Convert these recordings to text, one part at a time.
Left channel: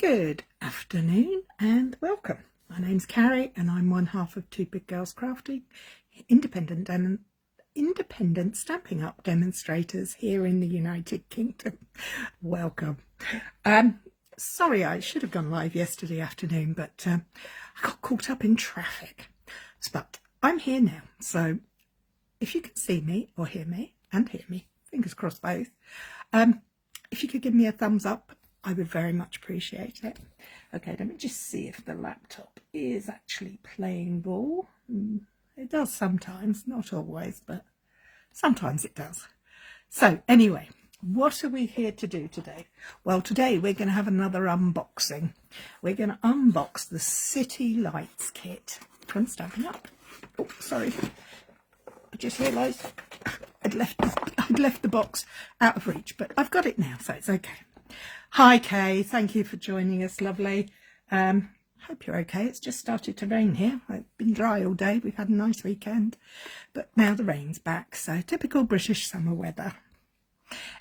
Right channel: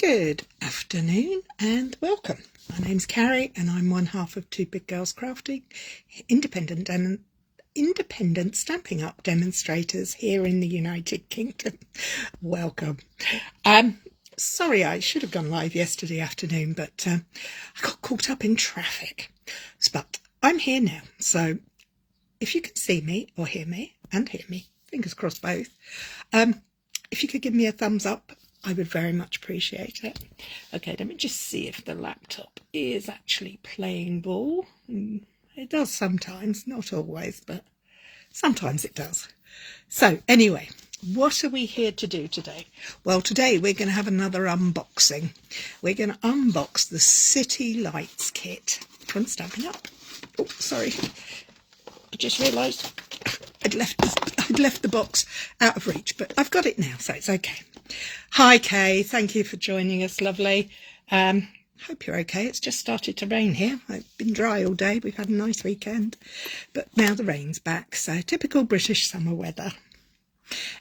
Good afternoon and welcome. My name's Cary and I'm one half of Two Big Girls Crafting, independent Stampin' Up demonstrators here in the United Kingdom. Welcome. Sorry, I should have gone live yesterday afternoon, but I got caught up in traffic. But I'm here now, so if you can see me or hear me, fingers crossed both, if you could give me a thumbs up, I would very much appreciate it. Okay, let me just see if the laptop is actually playing ball. It does sometimes, not always, but sometimes it does. So anyway, what are we here to do today? Well, today we're going to have another unboxing. We're going to unbox the City Lights kit from Stampin' Up. Oh, sorry. I just realised I'd left the box out of reach, but I've got it now, so it's okay. Hi Kay, thank you for joining us, lovely. Hope you're okay. It's just started to rain here. It's been dry all day. We've had a nice weekend, but now the rain's back, so typical British summer weather.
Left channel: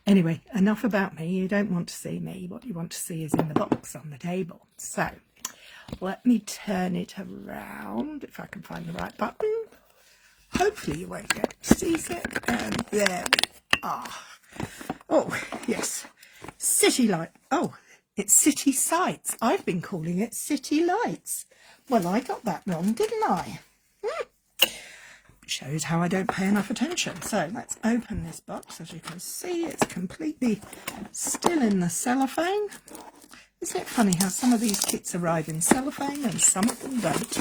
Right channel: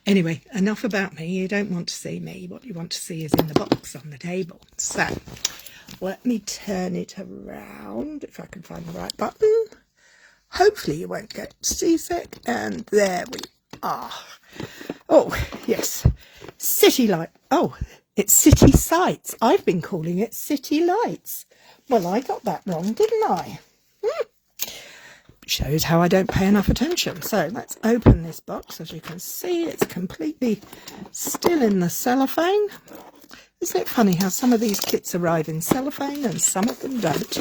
Anyway, enough about me. You don't want to see me. What you want to see is in the box on the table. So let me turn it around if I can find the right button. Hopefully you won't get seasick, and there we are. Oh yes, City Light. Oh, it's City Sights. I've been calling it City Lights. Well, I got that wrong, didn't I? Shows how I don't pay enough attention. So let's open this box. As you can see, it's completely still in the cellophane. Isn't it funny how some of these kits arrive in cellophane and some of them don't?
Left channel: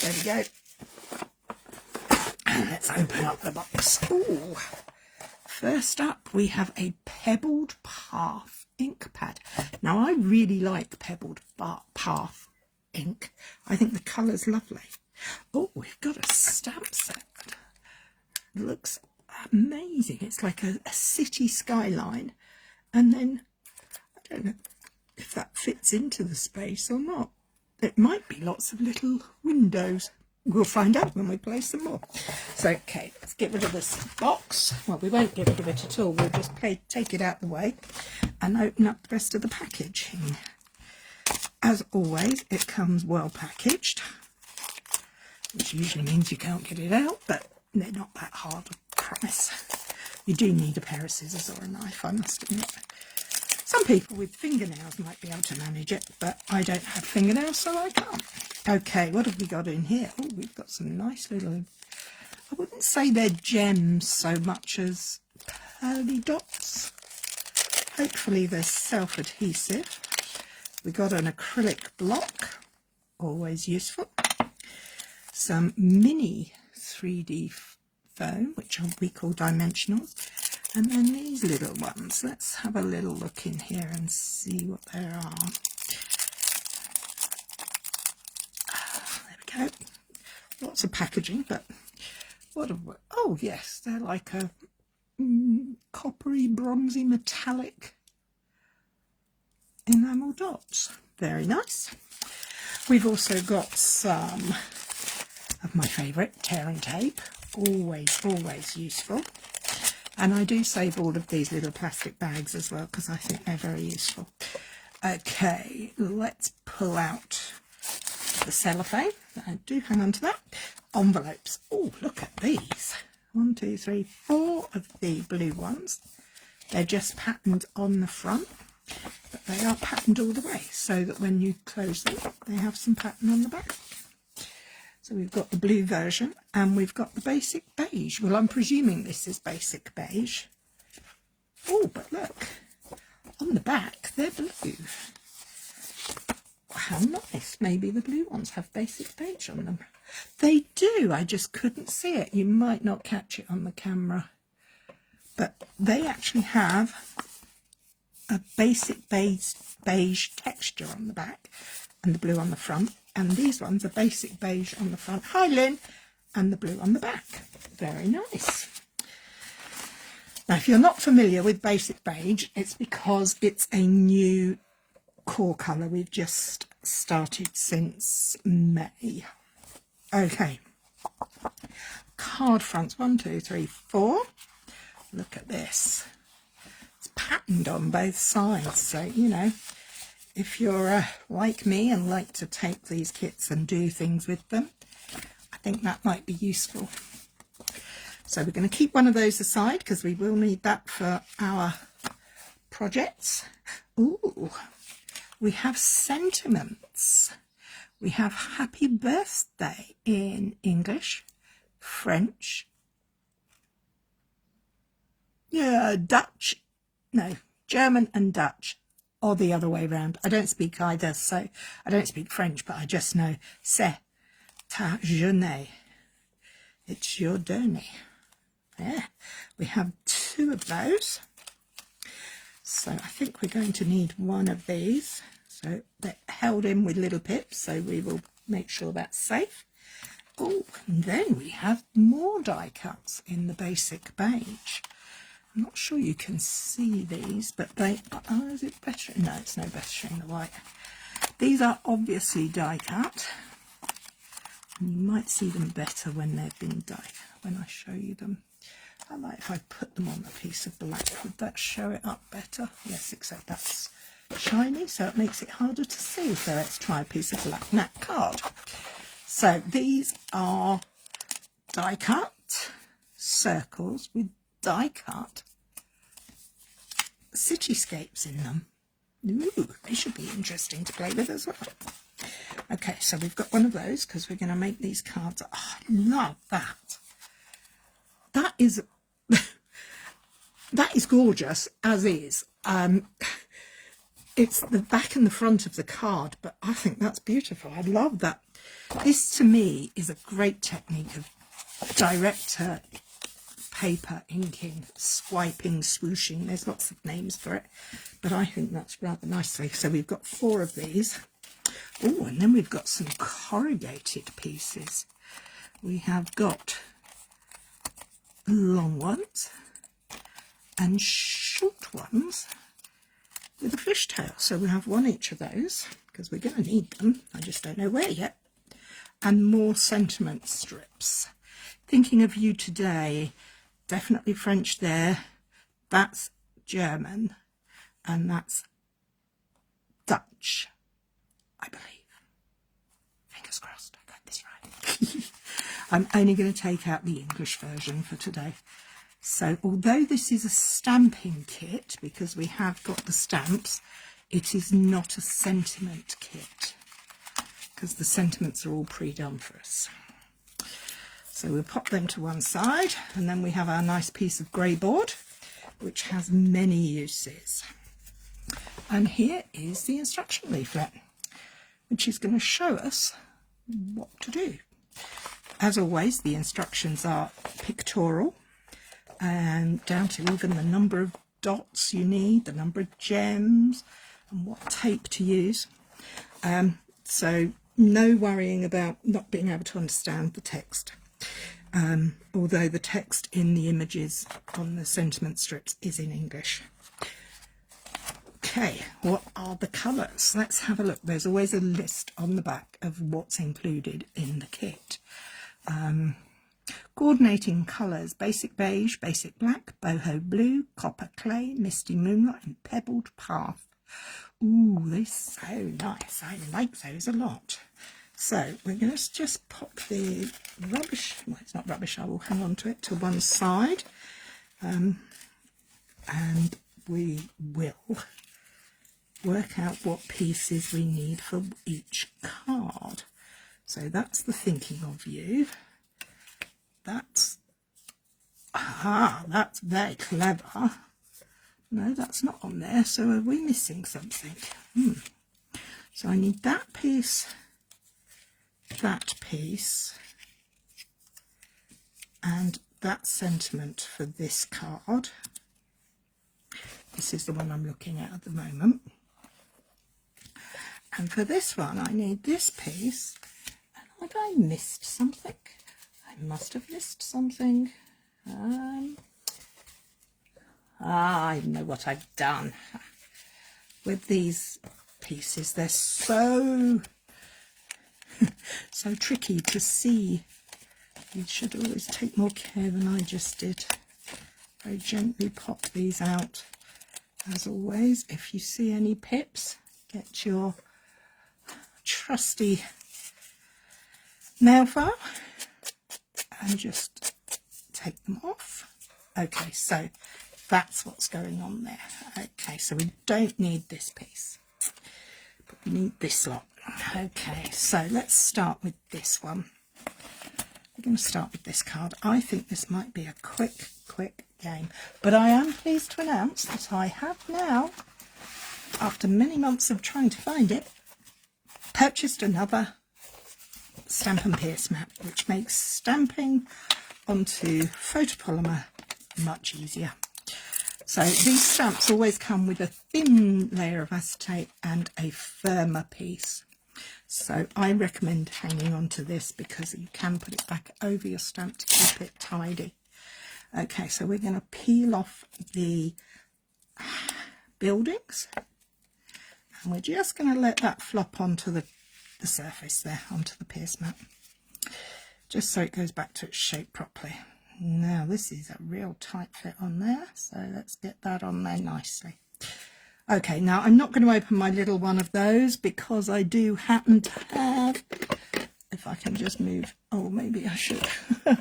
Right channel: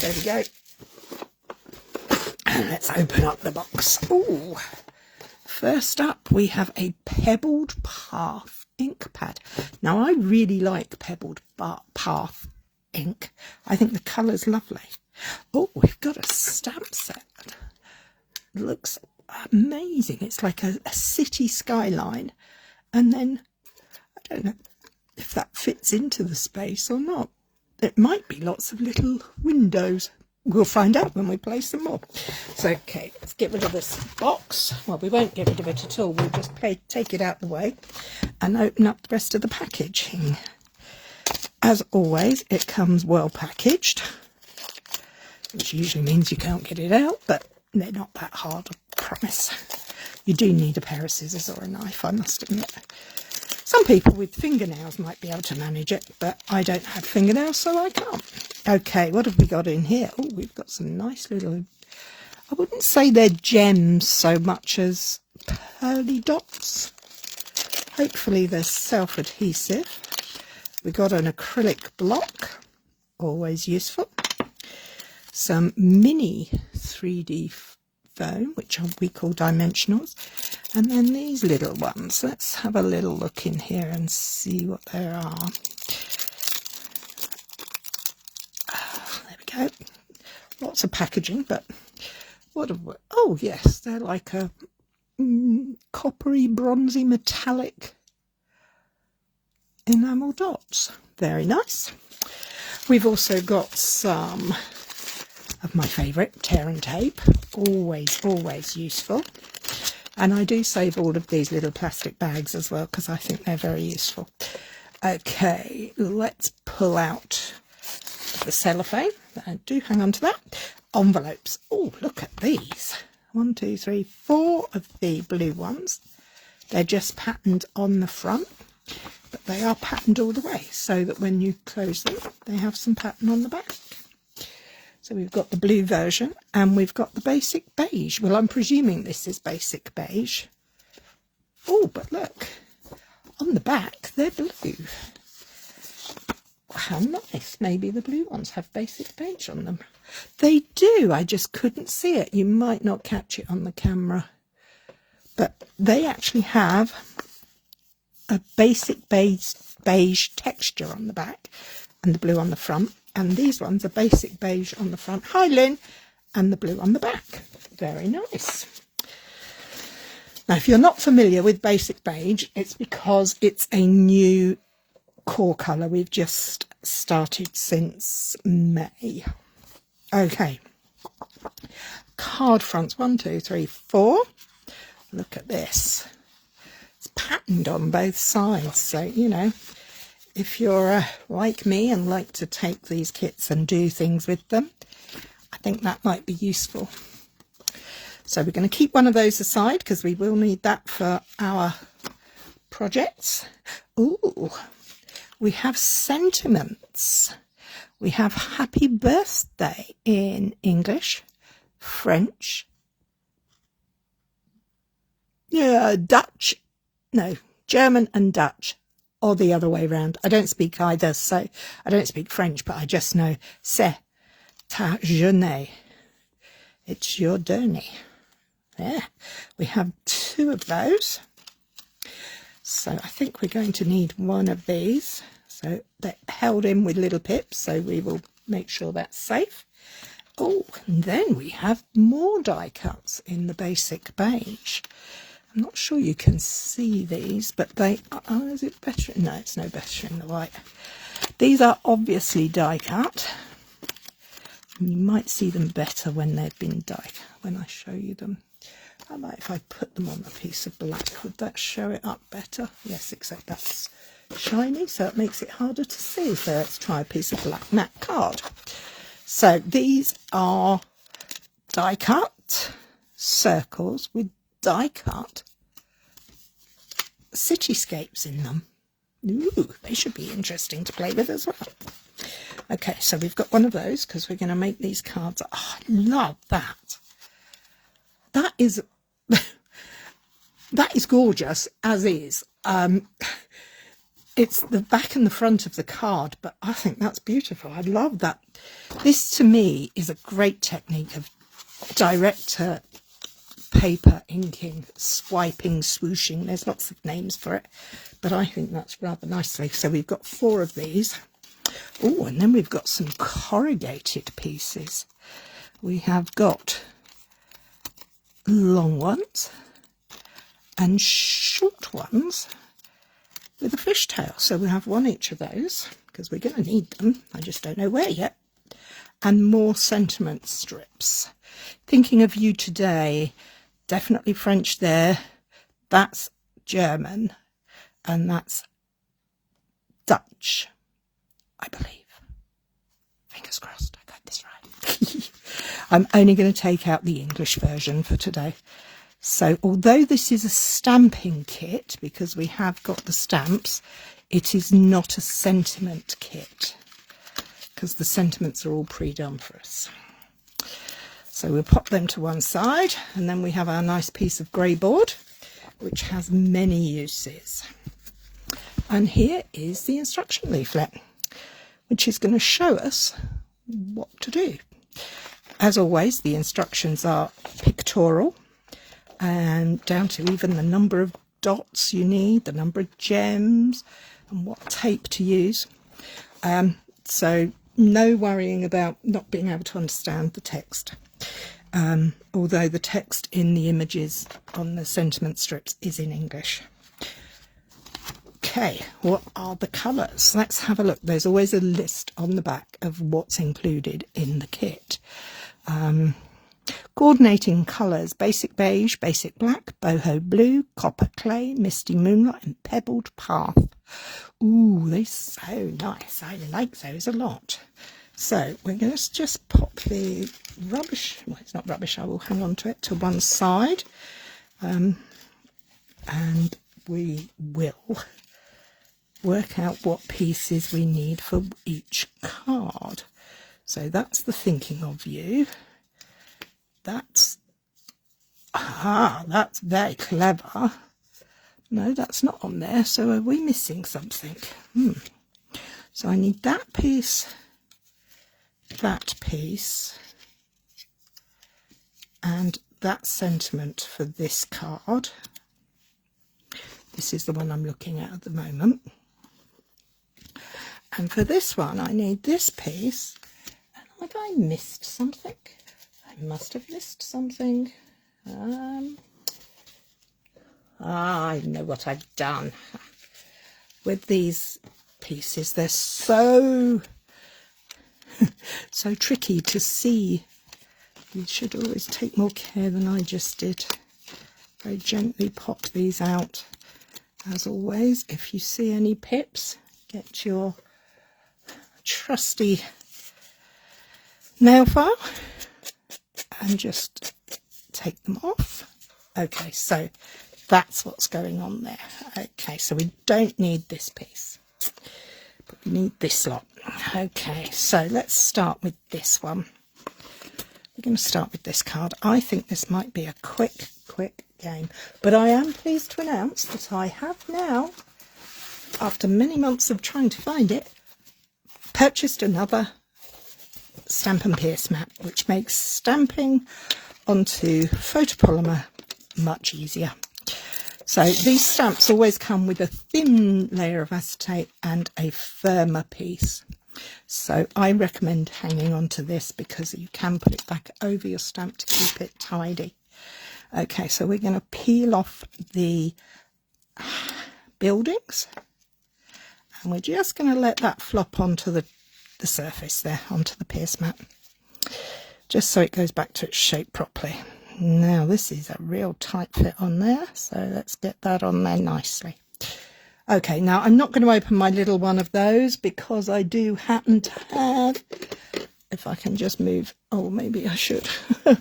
There we go. And let's open up the box. Ooh. First up, we have a Pebbled Path ink pad. Now, I really like Pebbled Path ink. I think the colour's lovely. Oh, we've got a stamp set. It looks amazing. It's like a city skyline. And then, I don't know if that fits into the space or not. It might be lots of little windows. We'll find out when we place them more. So, okay, let's get rid of this box. Well, we won't get rid of it at all. We'll just take it out the way and open up the rest of the packaging. As always, it comes well packaged, which usually means you can't get it out, but they're not that hard, I promise. You do need a pair of scissors or a knife, I must admit. Some people with fingernails might be able to manage it, but I don't have fingernails, so I can't. Okay, what have we got in here? Oh, we've got some nice little, I wouldn't say they're gems so much as pearly dots. Hopefully they're self-adhesive. We got an acrylic block, always useful. Some mini 3D foam, which we call dimensionals. And then these little ones. Let's have a little look in here and see what there are. There we go. Lots of packaging, but what have we? Oh yes, they're like a coppery, bronzy, metallic enamel dots. Very nice. We've also got some of my favourite tear and tape. Always useful. And I do save all of these little plastic bags as well because I think they're very useful. Okay, let's pull out the cellophane. Do hang on to that. Envelopes. Oh, look at these. 1, 2, 3, 4 of the blue ones. They're just patterned on the front, but they are patterned all the way so that when you close them, they have some pattern on the back. So we've got the blue version and we've got the basic beige. Well, I'm presuming this is basic beige. Oh, but look, on the back, they're blue. How nice. Maybe the blue ones have basic beige on them. They do. I just couldn't see it. You might not catch it on the camera. But they actually have a basic beige texture on the back and the blue on the front. And these ones are basic beige on the front. Hi, Lynn. And the blue on the back. Very nice. Now, if you're not familiar with basic beige, it's because it's a new core colour. We've just started since May. Okay. Card fronts. 1, 2, 3, 4. Look at this. It's patterned flattened on both sides. So, you know, if you're like me and like to take these kits and do things with them, I think that might be useful. So we're going to keep one of those aside because we will need that for our projects. Ooh, we have sentiments. We have happy birthday in English, French, Dutch, no, German and Dutch, or the other way around. I don't speak either, so I don't speak French, but I just know c'est ta journée. It's your journey. Yeah, we have 2 of those. So I think we're going to need one of these. So they're held in with little pips, so we will make sure that's safe. Oh, and then we have more die cuts in the basic beige. I'm not sure you can see these, but they are, oh, is it better? No, it's no better in the white. These are obviously die cut. And you might see them better when they've been die cut, when I show you them. I might, if I put them on a piece of black, would that show it up better? Yes, except that's shiny, so it makes it harder to see. So let's try a piece of black matte card. So these are die cut circles with die cut cityscapes in them. Ooh, they should be interesting to play with as well. Okay, so we've got one of those because we're going to make these cards. Oh, I love that. That is that is gorgeous as is. It's the back and the front of the card, but I think that's beautiful. I love that. This to me is a great technique of direct paper inking, swiping, swooshing. There's lots of names for it, but I think that's rather nicely. So we've got 4 of these. Oh, and then we've got some corrugated pieces. We have got long ones and short ones with a fishtail. So we have 1 each of those because we're going to need them. I just don't know where yet. And more sentiment strips. Thinking of you today, definitely French there. That's German and that's Dutch, I believe. Fingers crossed, I got this right. I'm only going to take out the English version for today. So although this is a stamping kit, because we have got the stamps, it is not a sentiment kit, because the sentiments are all pre-done for us. So we'll pop them to one side, and then we have our nice piece of grey board, which has many uses. And here is the instruction leaflet, which is going to show us what to do. As always, the instructions are pictorial, and down to even the number of dots you need, the number of gems, and what tape to use. So no worrying about not being able to understand the text. Although the text in the images on the sentiment strips is in English. Okay, what are the colours? Let's have a look. There's always a list on the back of what's included in the kit. Coordinating colours: basic beige, basic black, boho blue, copper clay, misty moonlight and pebbled path. Ooh, they're so nice. I like those a lot. So we're going to just pop the rubbish, well, it's not rubbish, I will hang on to it to one side, and we will work out what pieces we need for each card. So that's the thinking of you. That's very clever. No, that's not on there. So are we missing something? So I need that piece, and that sentiment for this card. This is the one I'm looking at the moment. And for this one, I need this piece. And have I missed something? I must have missed something. I know what I've done. With these pieces, they're so so tricky to see. You should always take more care than I just did. Very gently pop these out As always, if you see any pips, get your trusty nail file and just take them off. Okay, so that's what's going on there. Okay, so we don't need this piece, but we need this lot. Okay, so let's start with this one. We're going to start with this card. I think this might be a quick game, but I am pleased to announce that I have now, after many months of trying to find it, purchased another Stamp and Pierce mat, which makes stamping onto photopolymer much easier. So these stamps always come with a thin layer of acetate and a firmer piece. So I recommend hanging on to this because you can put it back over your stamp to keep it tidy. Okay, so we're going to peel off the buildings and we're just going to let that flop onto the surface there, onto the pierce mat, just so it goes back to its shape properly. Now this is a real tight fit on there, so let's get that on there nicely. Okay, now I'm not going to open my little one of those because I do happen to have, if I can just move, oh maybe I should. No,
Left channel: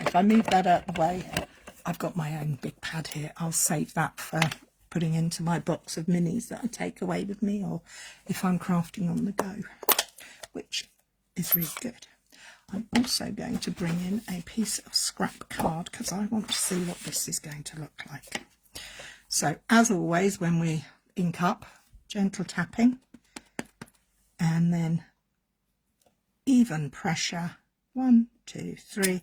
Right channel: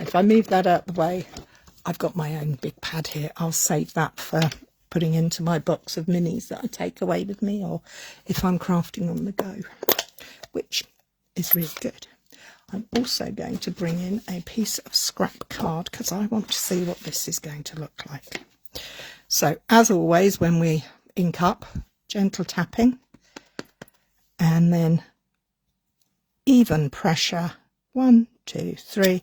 if I move that out the way, I've got my own big pad here. I'll save that for putting into my box of minis that I take away with me, or if I'm crafting on the go, which is really good. I'm also going to bring in a piece of scrap card because I want to see what this is going to look like. So as always, when we ink up, gentle tapping and then even pressure, 1, 2, 3,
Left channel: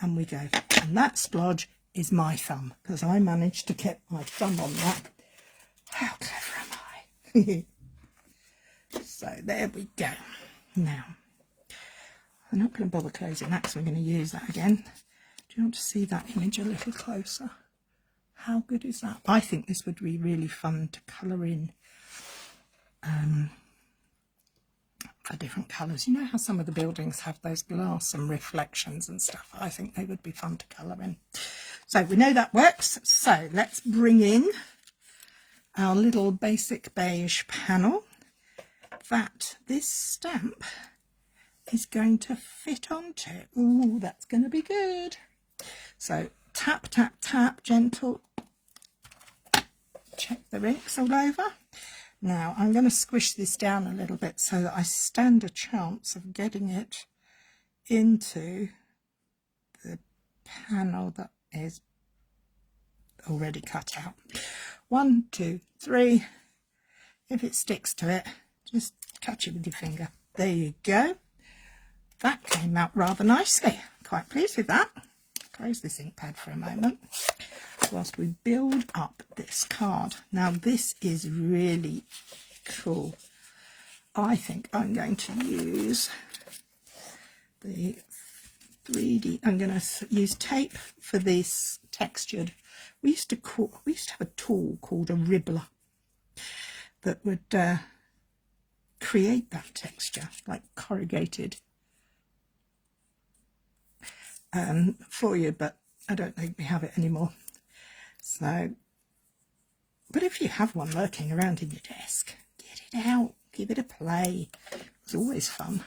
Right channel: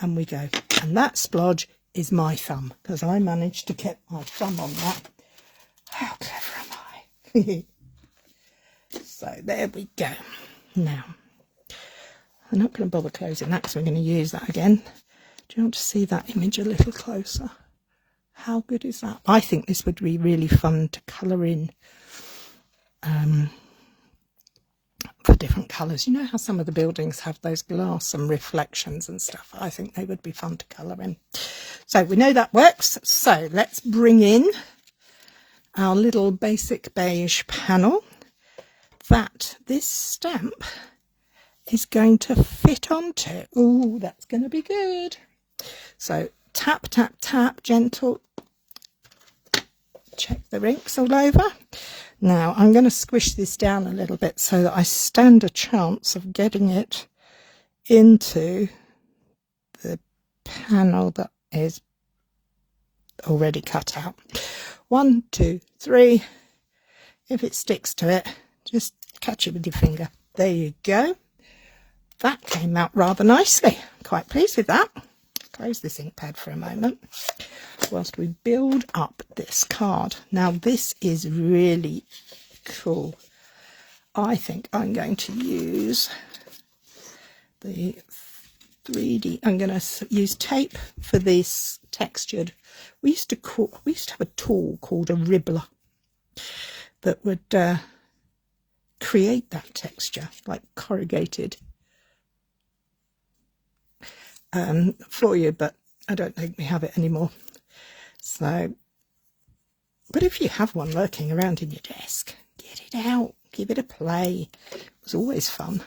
and we go. And that splodge is my thumb because I managed to get my thumb on that. How clever am I? So there we go. Now I'm not going to bother closing that because we're going to use that again. Do you want to see that image a little closer? How good is that? I think this would be really fun to colour in for different colours. You know how some of the buildings have those glass and reflections and stuff? I think they would be fun to colour in. So we know that works. So let's bring in our little basic beige panel that this stamp is going to fit onto. Oh, that's going to be good. So tap, tap, tap, gentle. Check the inks all over. Now I'm going to squish this down a little bit so that I stand a chance of getting it into the panel that is already cut out. 1, 2, 3. If it sticks to it, just catch it with your finger. There you go. That came out rather nicely. Quite pleased with that. Close this ink pad for a moment whilst we build up this card. Now this is really cool. I think I'm going to use the 3D. I'm going to use tape for this textured. We used to have a tool called a ribbler that would create that texture, like corrugated for you, but I don't think we have it anymore. So, but if you have one lurking around in your desk, get it out, give it a play. It was always fun.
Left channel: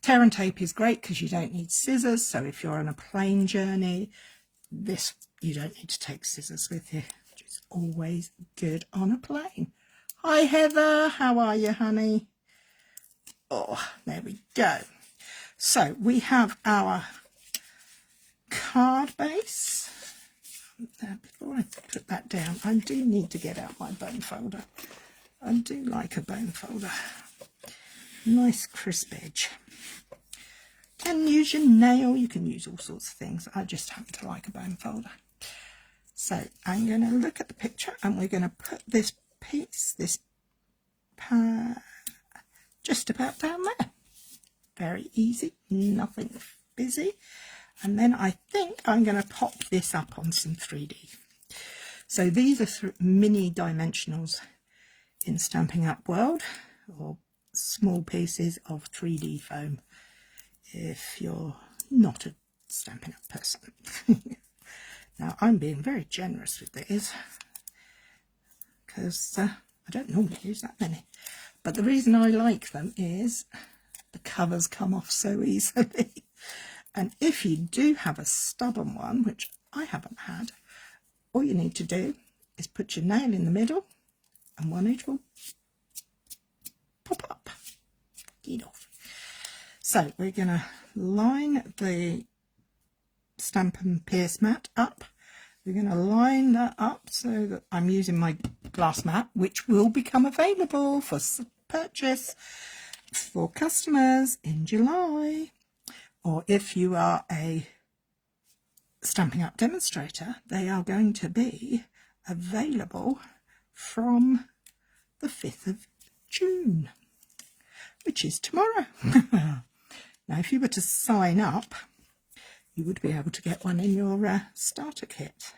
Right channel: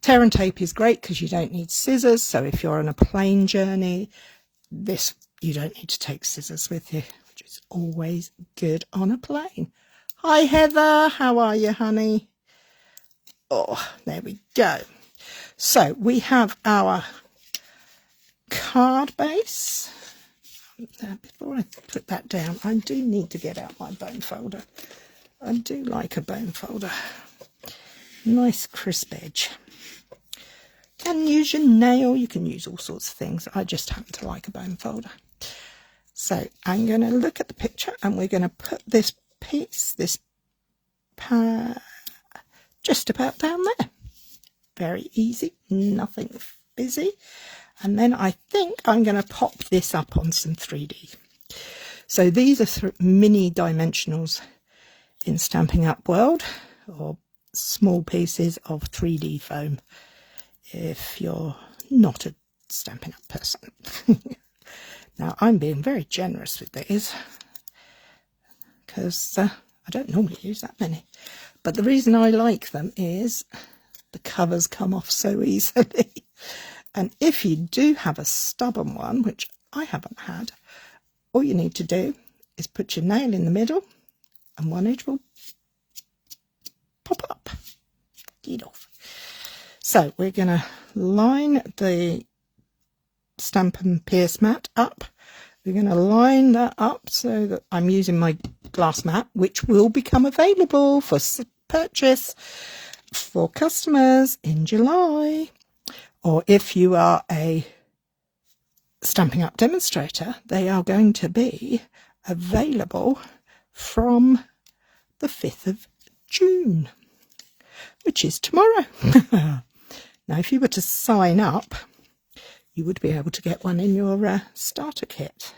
Tear and tape is great because you don't need scissors. So if you're on a plane journey, this you don't need to take scissors with you, which is always good on a plane. Hi Heather, how are you, honey? Oh, there we go. So we have our card base. Before I put that down, I do need to get out my bone folder. I do like a bone folder. Nice crisp edge. You can use your nail, you can use all sorts of things. I just happen to like a bone folder. So I'm going to look at the picture and we're going to put this piece, just about down there. Very easy, nothing busy. And then I think I'm going to pop this up on some 3D. So these are mini dimensionals in Stampin' Up World, or small pieces of 3D foam if you're not a Stampin' Up person. Now I'm being very generous with these. because I don't normally use that many. But the reason I like them is the covers come off so easily. And if you do have a stubborn one, which I haven't had, all you need to do is put your nail in the middle and one edge will pop up. Get off. So we're going to line the Stamp and Pierce mat up. We're going to line that up so that I'm using my glass mat, which will become available for purchase for customers in July. Or if you are a Stampin' Up demonstrator, they are going to be available from the 5th of June, which is tomorrow. Now, if you were to sign up, you would be able to get one in your starter kit.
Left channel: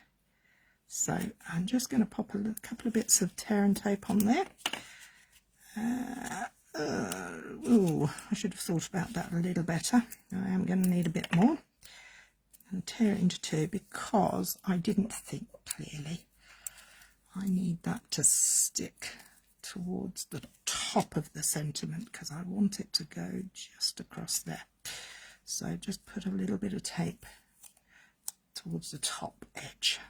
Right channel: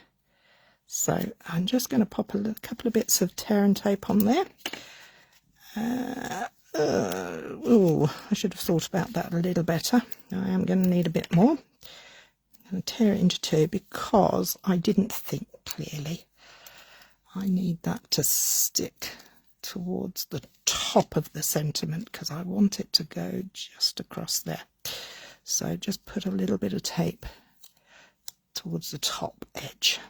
So I'm just going to pop a couple of bits of tear and tape on there. Oh, I should have thought about that a little better. I am going to need a bit more. I'm going to tear it into two because I didn't think clearly. I need that to stick towards the top of the sentiment because I want it to go just across there. So just put a little bit of tape towards the top edge.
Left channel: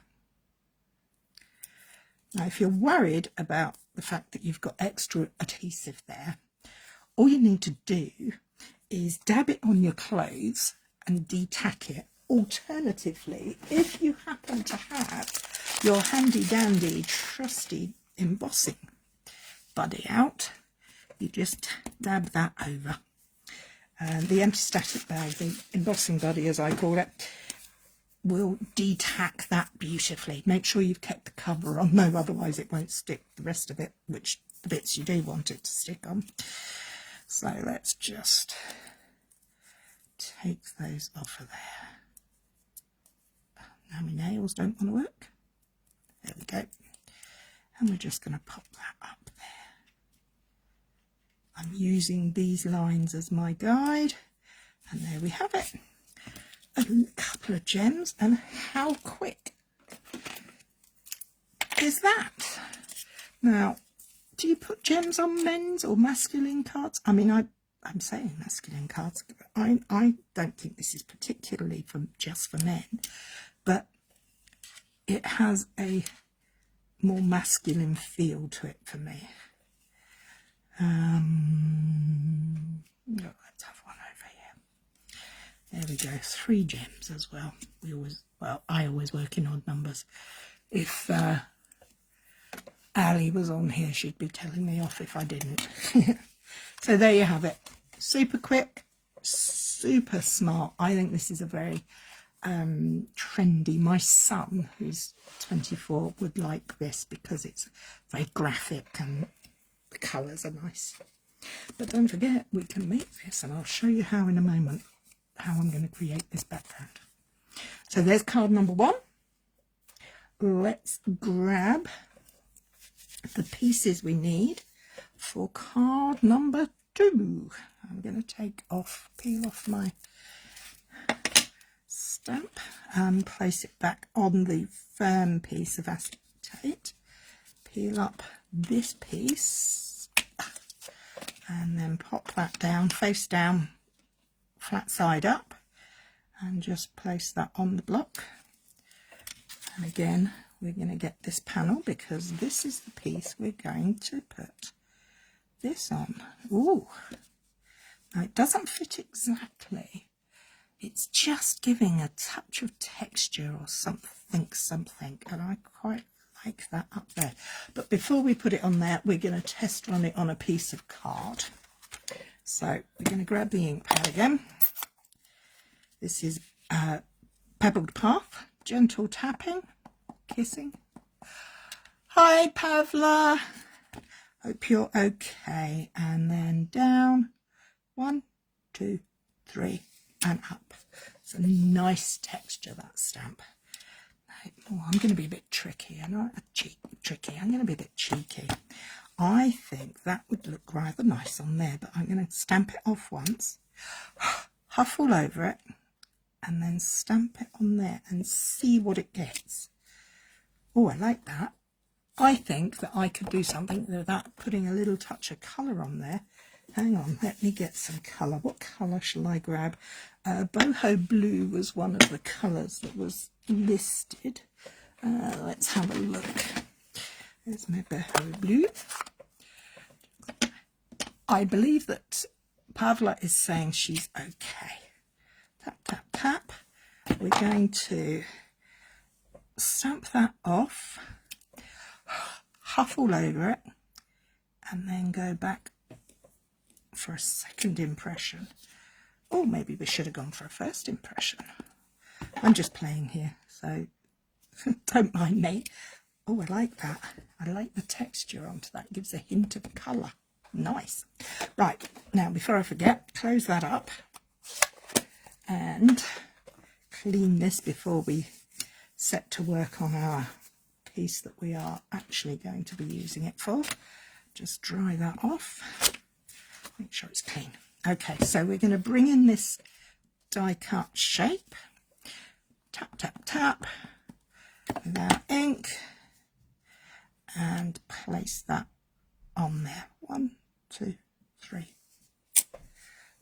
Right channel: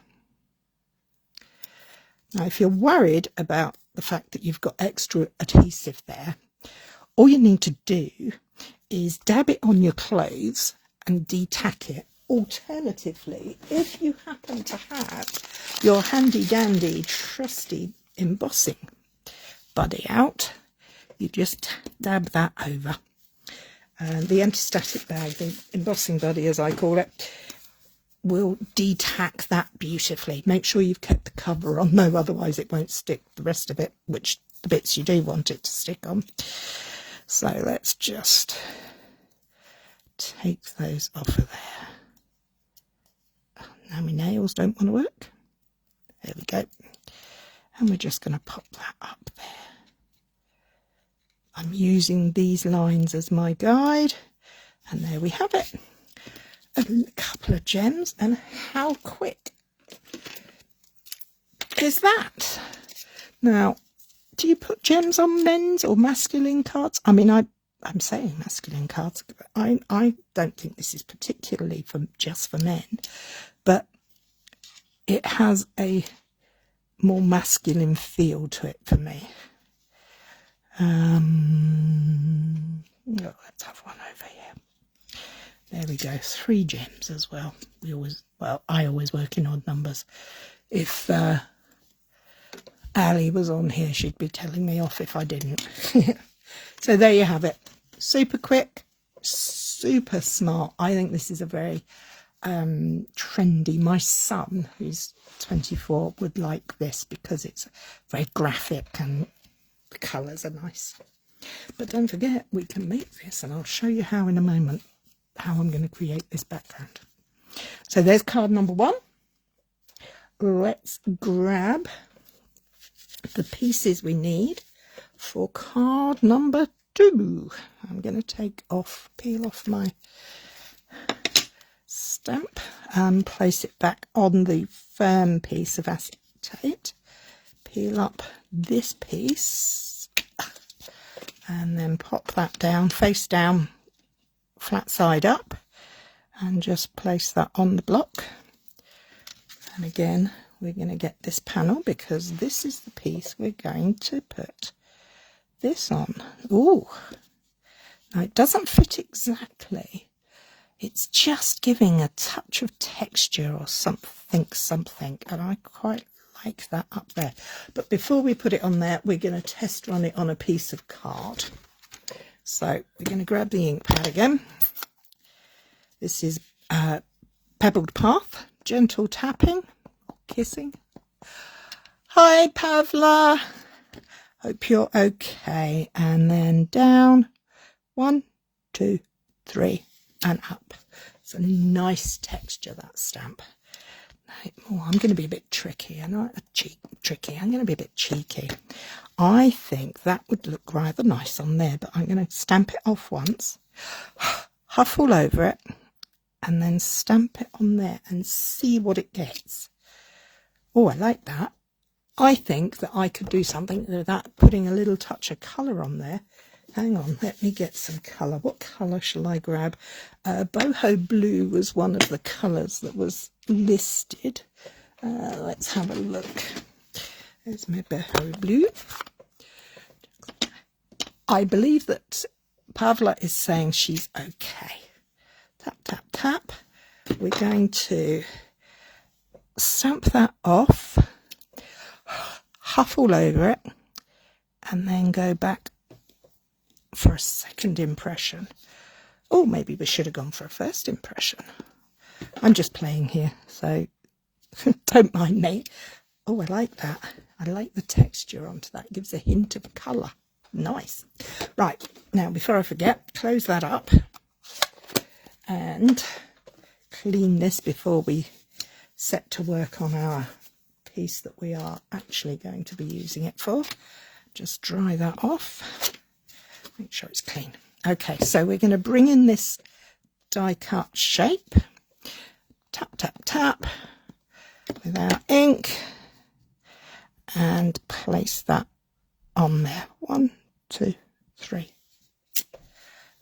Now, if you're worried about the fact that you've got extra adhesive there, all you need to do is dab it on your clothes and de-tack it. Alternatively, if you happen to have your handy dandy trusty embossing buddy out, you just dab that over. And the anti-static bag, the embossing buddy as I call it, will de-tack that beautifully. Make sure you've kept the cover on though, otherwise it won't stick the rest of it, which the bits you do want it to stick on. So let's just take those off of there. Now my nails don't want to work. There we go. And we're just going to pop that up there. I'm using these lines as my guide. And there we have it. A couple of gems. And how quick is that? Now, do you put gems on men's or masculine cards? I mean, I'm saying masculine cards. I don't think this is particularly just for men, but it has a more masculine feel to it for me. Let's have one over here. There we go. 3 gems as well. I always work in odd numbers. If Ali was on here, she'd be telling me off if I didn't. So there you have it. Super quick, super smart. I think this is a very trendy. My son, who's 24, would like this because it's very graphic and the colours are nice. But don't forget, we can make this, and I'll show you how in a moment, how I'm going to create this background. So there's card number 1. Let's grab the pieces we need for card number 2. I'm going to peel off my stamp and place it back on the firm piece of acetate. Peel up this piece and then pop that down, face down, flat side up, and just place that on the block. And again, we're going to get this panel because this is the piece we're going to put this on. Ooh, now it doesn't fit exactly. It's just giving a touch of texture or something, and I quite like that up there. But before we put it on there, we're going to test run it on a piece of card. So we're going to grab the ink pad again. This is Pebbled Path, gentle tapping, kissing. Hi Pavla, hope you're okay. And then down, 1, 2, 3, and up. It's a nice texture, that stamp. Oh, I'm going to be a bit tricky. I'm going to be a bit cheeky. I think that would look rather nice on there, but I'm going to stamp it off once, huff all over it, and then stamp it on there and see what it gets. Oh, I like that. I think that I could do something with that, putting a little touch of colour on there. Hang on, let me get some colour. What colour shall I grab? Boho blue was one of the colours that was listed. Let's have a look. There's my boho blue. I believe that Pavla is saying she's okay. Tap, tap, tap. We're going to stamp that off, huff all over it, and then go back for a second impression. Oh, maybe we should have gone for a first impression. I'm just playing here, so don't mind me. Oh, I like that. I like the texture onto that. It gives a hint of colour. Nice. Right, now before I forget, close that up and clean this before we set to work on our piece that we are actually going to be using it for. Just dry that off. Make sure it's clean. Okay, so we're going to bring in this die cut shape. Tap, tap, tap with our ink and place that on there. 1, 2, 3.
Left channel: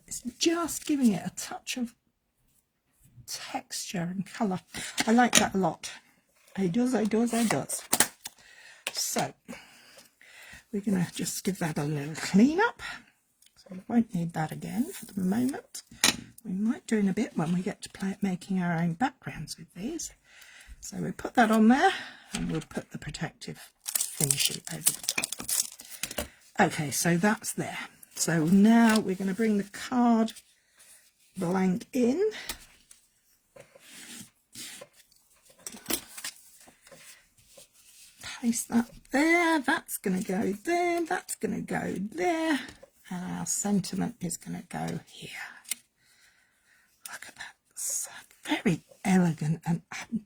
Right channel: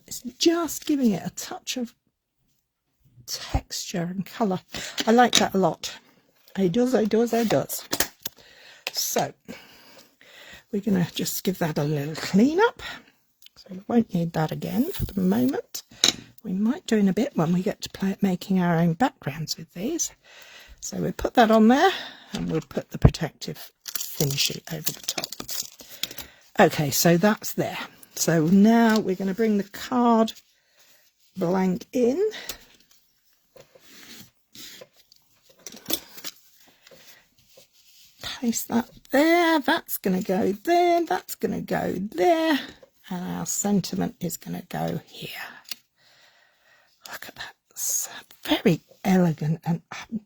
It's just giving it a touch of texture and colour. I like that a lot. It does, it does, it does. So we're going to just give that a little clean up. So we won't need that again for the moment. We might do in a bit when we get to play at making our own backgrounds with these. So we'll put that on there and we'll put the protective thin sheet over the top. Okay, so that's there. So now we're going to bring the card blank in. Place that there. That's going to go there. That's going to go there. And our sentiment is going to go here. Look at that. It's very elegant. And I'm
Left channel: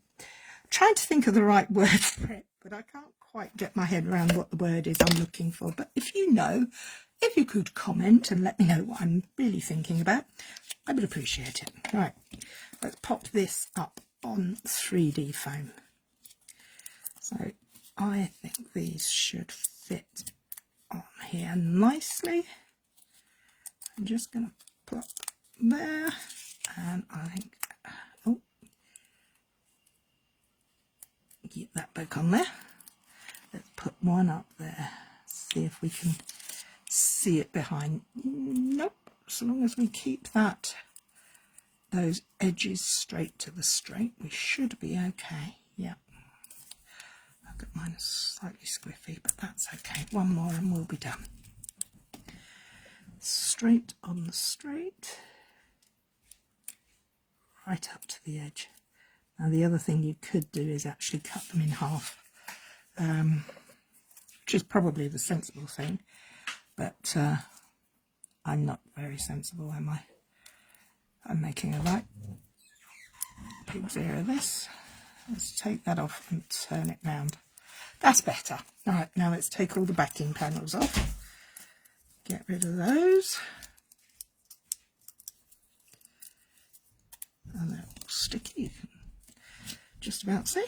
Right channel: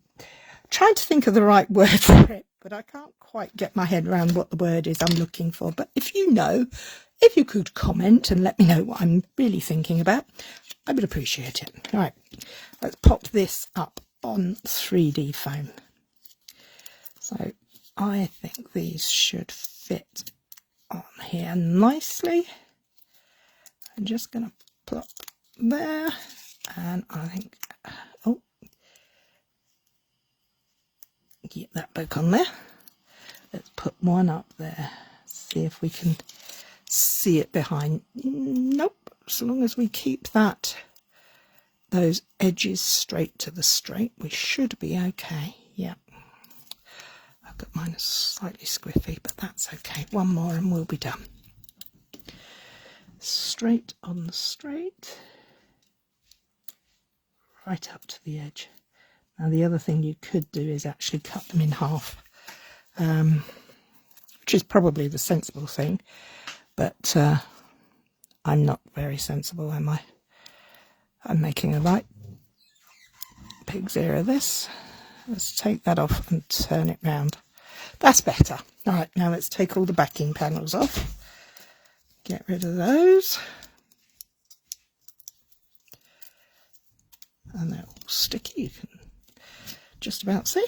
trying to think of the right word for it, but I can't quite get my head around what the word is I'm looking for. But if you know, if you could comment and let me know what I'm really thinking about, I would appreciate it. All right, let's pop this up on 3D foam. So I think these should fit on here nicely. I'm just going to plop there, and I think, oh, get that back on there. Let's put one up there, see if we can see it behind. Nope, as long as we keep those edges straight to the straight, we should be okay. Yeah, I've got mine slightly squiffy, but that's okay. One more and we'll be done. Straight on the straight, right up to the edge. Now the other thing you could do is actually cut them in half, which is probably the sensible thing, but I'm not very sensible, am I? I'm making a right pig's ear of this. Let's take that off and turn it round. That's better. All right, now let's take all the backing panels off. Get rid of those. And they're all sticky, you can just about see.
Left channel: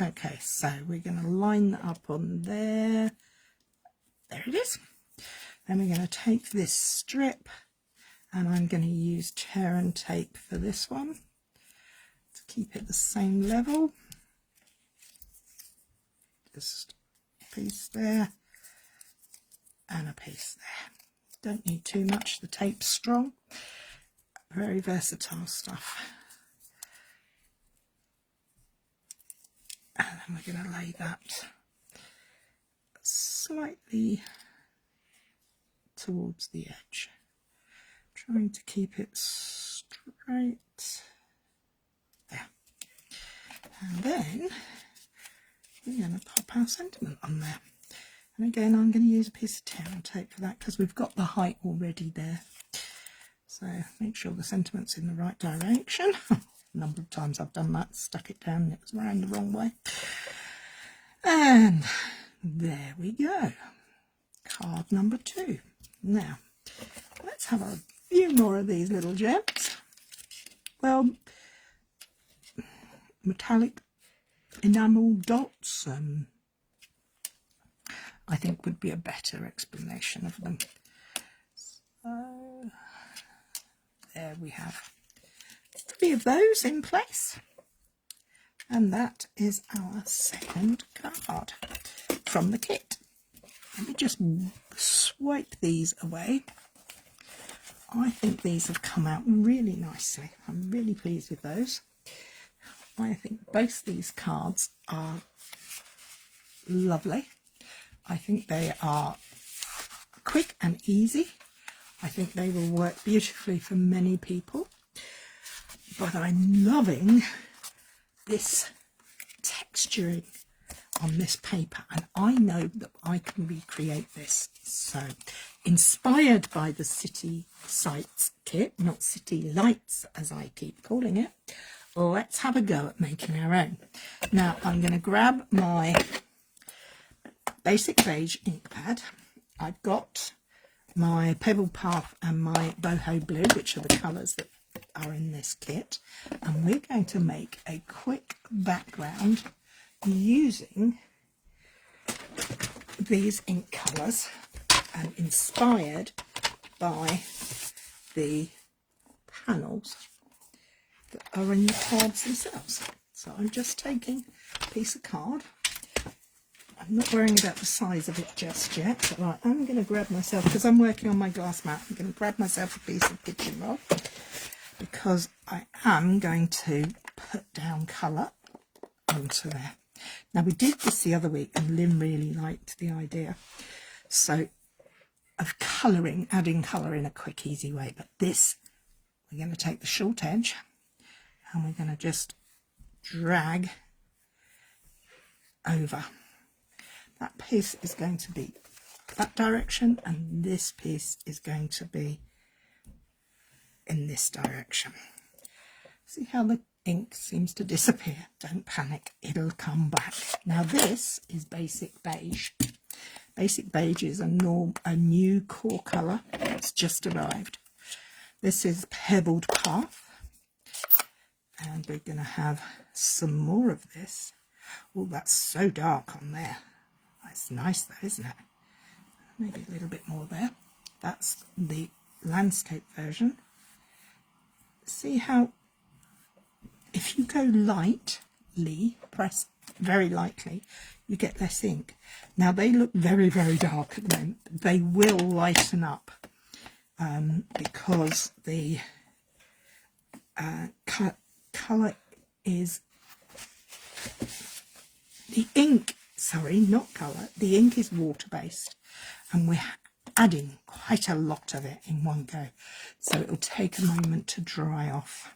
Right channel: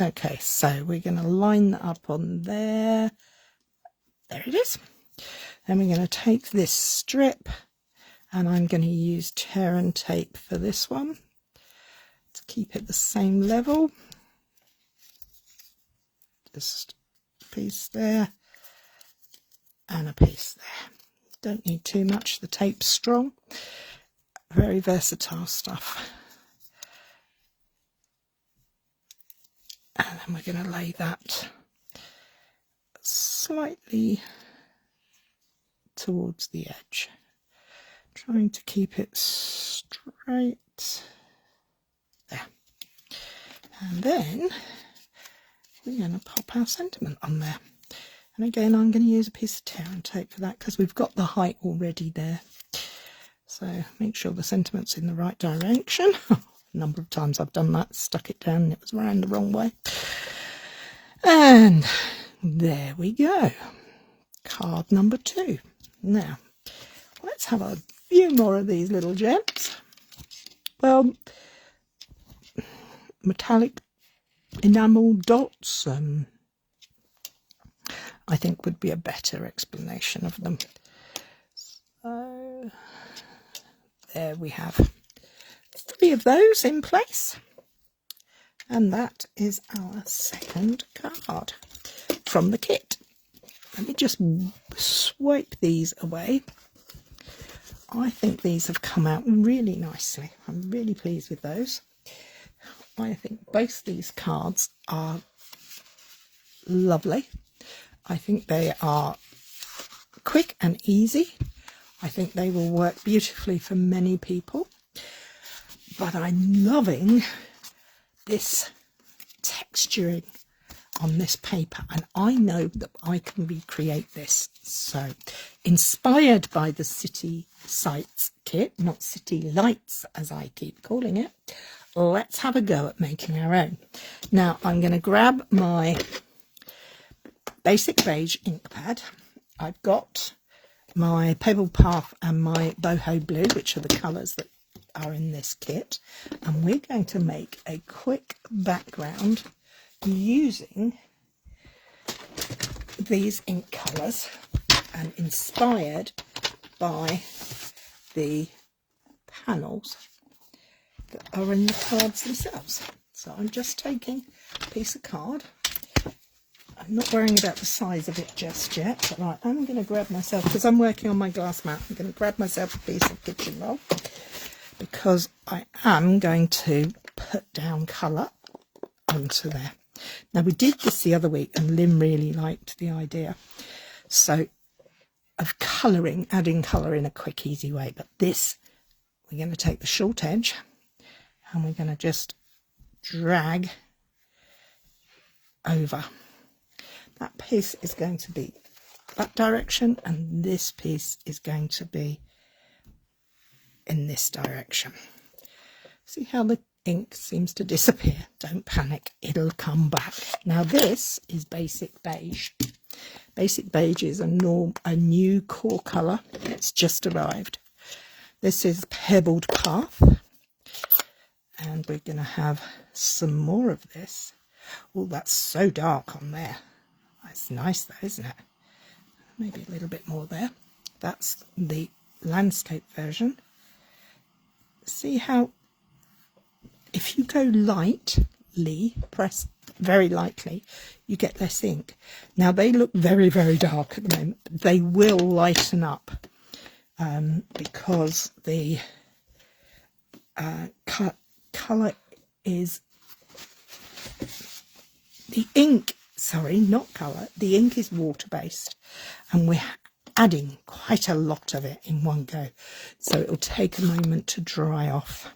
Okay, so we're going to line that up on there. There it is. Then we're going to take this strip and I'm going to use tear and tape for this one to keep it the same level. Just a piece there and a piece there. Don't need too much, the tape's strong. Very versatile stuff. And then we're going to lay that slightly towards the edge, trying to keep it straight there. And then we're going to pop our sentiment on there. And again, I'm going to use a piece of tear and tape for that because we've got the height already there. So make sure the sentiment's in the right direction. A number of times I've done that, stuck it down and it was round the wrong way. And there we go. Card number 2. Now, let's have a few more of these little gems. Well, metallic enamel dots, I think would be a better explanation of them. So there we have 3 of those in place. And that is our second card from the kit. Let me just swipe these away. I think these have come out really nicely. I'm really pleased with those. I think both these cards are lovely. I think they are quick and easy. I think they will work beautifully for many people. But I'm loving this texturing on this paper, and I know that I can recreate this. So, inspired by the City Sights kit, not City Lights as I keep calling it, let's have a go at making our own. Now I'm going to grab my basic beige ink pad. I've got my Pebble Path and my Boho Blue, which are the colours that are in this kit, and we're going to make a quick background using these ink colours and inspired by the panels that are in the cards themselves. So I'm just taking a piece of card. I'm not worrying about the size of it just yet, but right, I'm going to grab myself, because I'm working on my glass mat, I'm going to grab myself a piece of kitchen roll, because I am going to put down colour onto there. Now we did this the other week and Lynn really liked the idea of colouring, adding colour in a quick easy way, but this, we're going to take the short edge and we're going to just drag over. That piece is going to be that direction and this piece is going to be in this direction. See how the ink seems to disappear? Don't panic, it'll come back. Now this is basic beige. Basic beige is a new core colour that's just arrived. This is Pebbled Path, and we're going to have some more of this. Oh, that's so dark on there. That's nice though, isn't it? Maybe a little bit more there. That's the landscape version. See how if you go lightly, press very lightly, you get less ink. Now they look very, very dark at the moment. They will lighten up because the colour is the ink, sorry, not colour, the ink is water-based and we're adding quite a lot of it in one go. So it'll take a moment to dry off.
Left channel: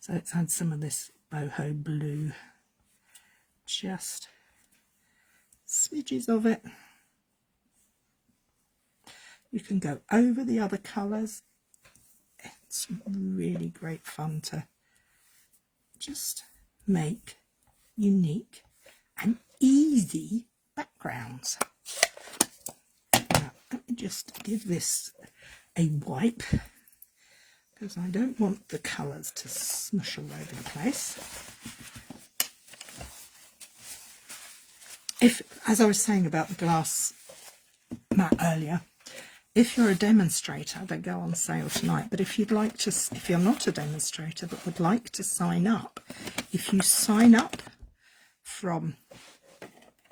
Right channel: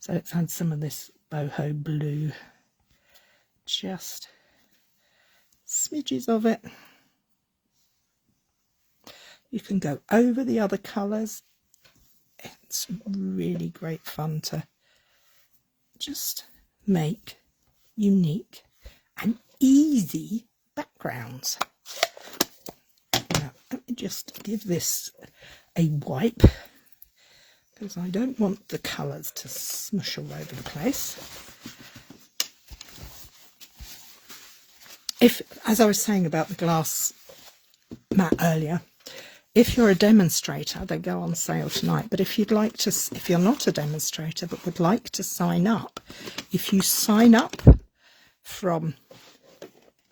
So let's add some of this Boho Blue, just smidges of it. You can go over the other colours. It's really great fun to just make unique and easy backgrounds. Now, let me just give this a wipe, because I don't want the colours to smush all over the place. If, as I was saying about the glass mat earlier, if you're a demonstrator, they go on sale tonight. But if you'd like to, if you're not a demonstrator but would like to sign up, if you sign up from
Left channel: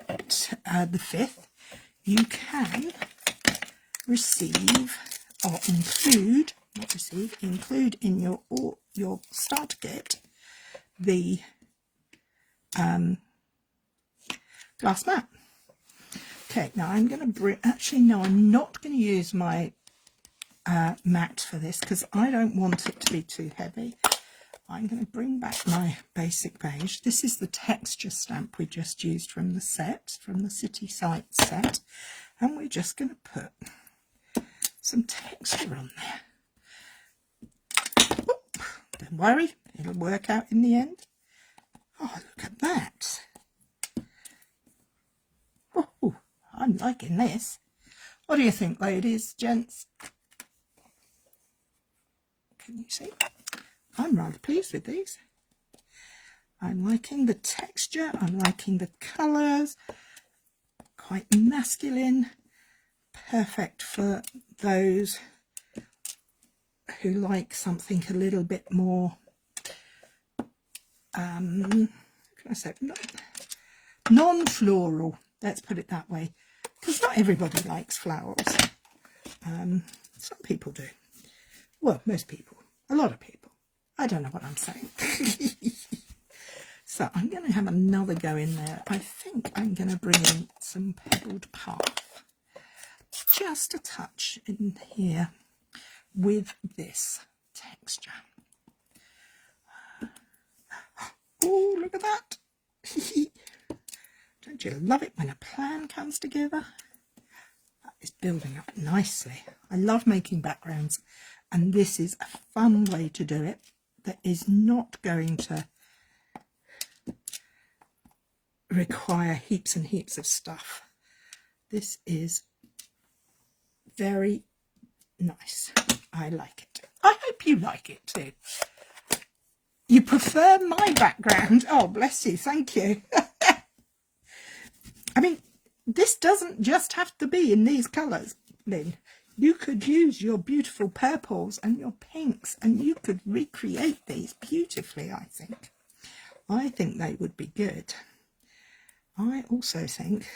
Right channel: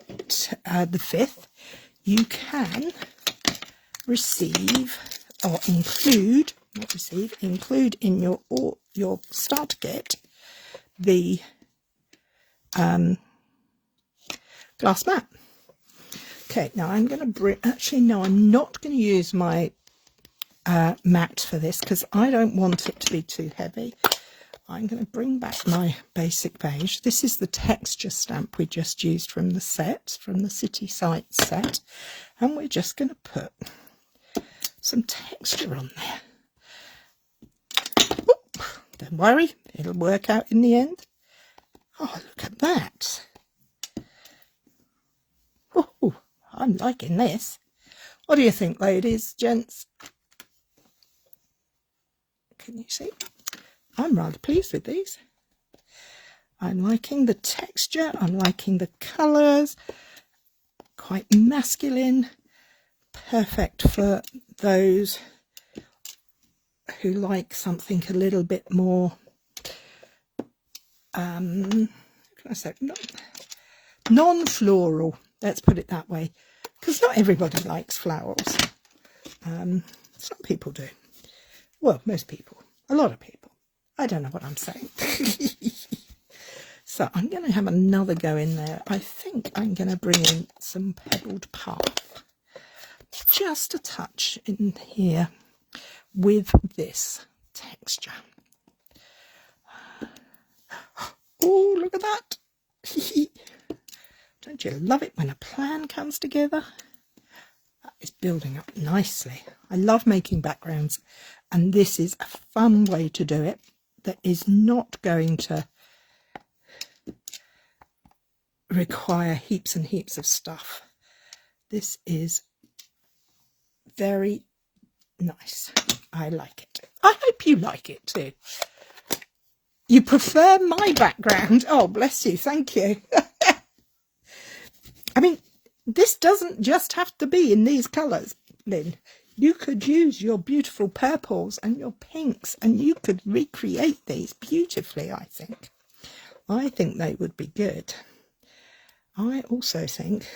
the 5th, you can receive or include, not receive, include in your starter kit the glass mat. Okay, now I'm going to bring, actually no, I'm not going to use my mat for this because I don't want it to be too heavy. I'm going to bring back my basic beige. This is the texture stamp we just used from the set, from the City Sights set, and we're just going to put some texture on there. Oop, don't worry, it'll work out in the end. Oh, look at that. Oh, I'm liking this. What do you think, ladies, gents? Can you see? I'm rather pleased with these. I'm liking the texture, I'm liking the colours. quite masculine, perfect for those who like something a little bit more, can I say, non-floral, let's put it that way, because not everybody likes flowers. Some people do. Well, most people, a lot of people. I don't know what I'm saying. So I'm going to have another go in there. I think I'm going to bring in some pebbled path, just a touch in here with this texture. Oh, look at that. Don't you love it when a plan comes together? That is building up nicely. I love making backgrounds, and this is a fun way to do it that is not going to require heaps and heaps of stuff. This is very nice. I like it. I hope you like it too. You prefer my background? Oh, bless you. Thank you. I mean, this doesn't just have to be in these colours, Lynn. You could use your beautiful purples and your pinks, and you could recreate these beautifully, I think. I think they would be good. I also think,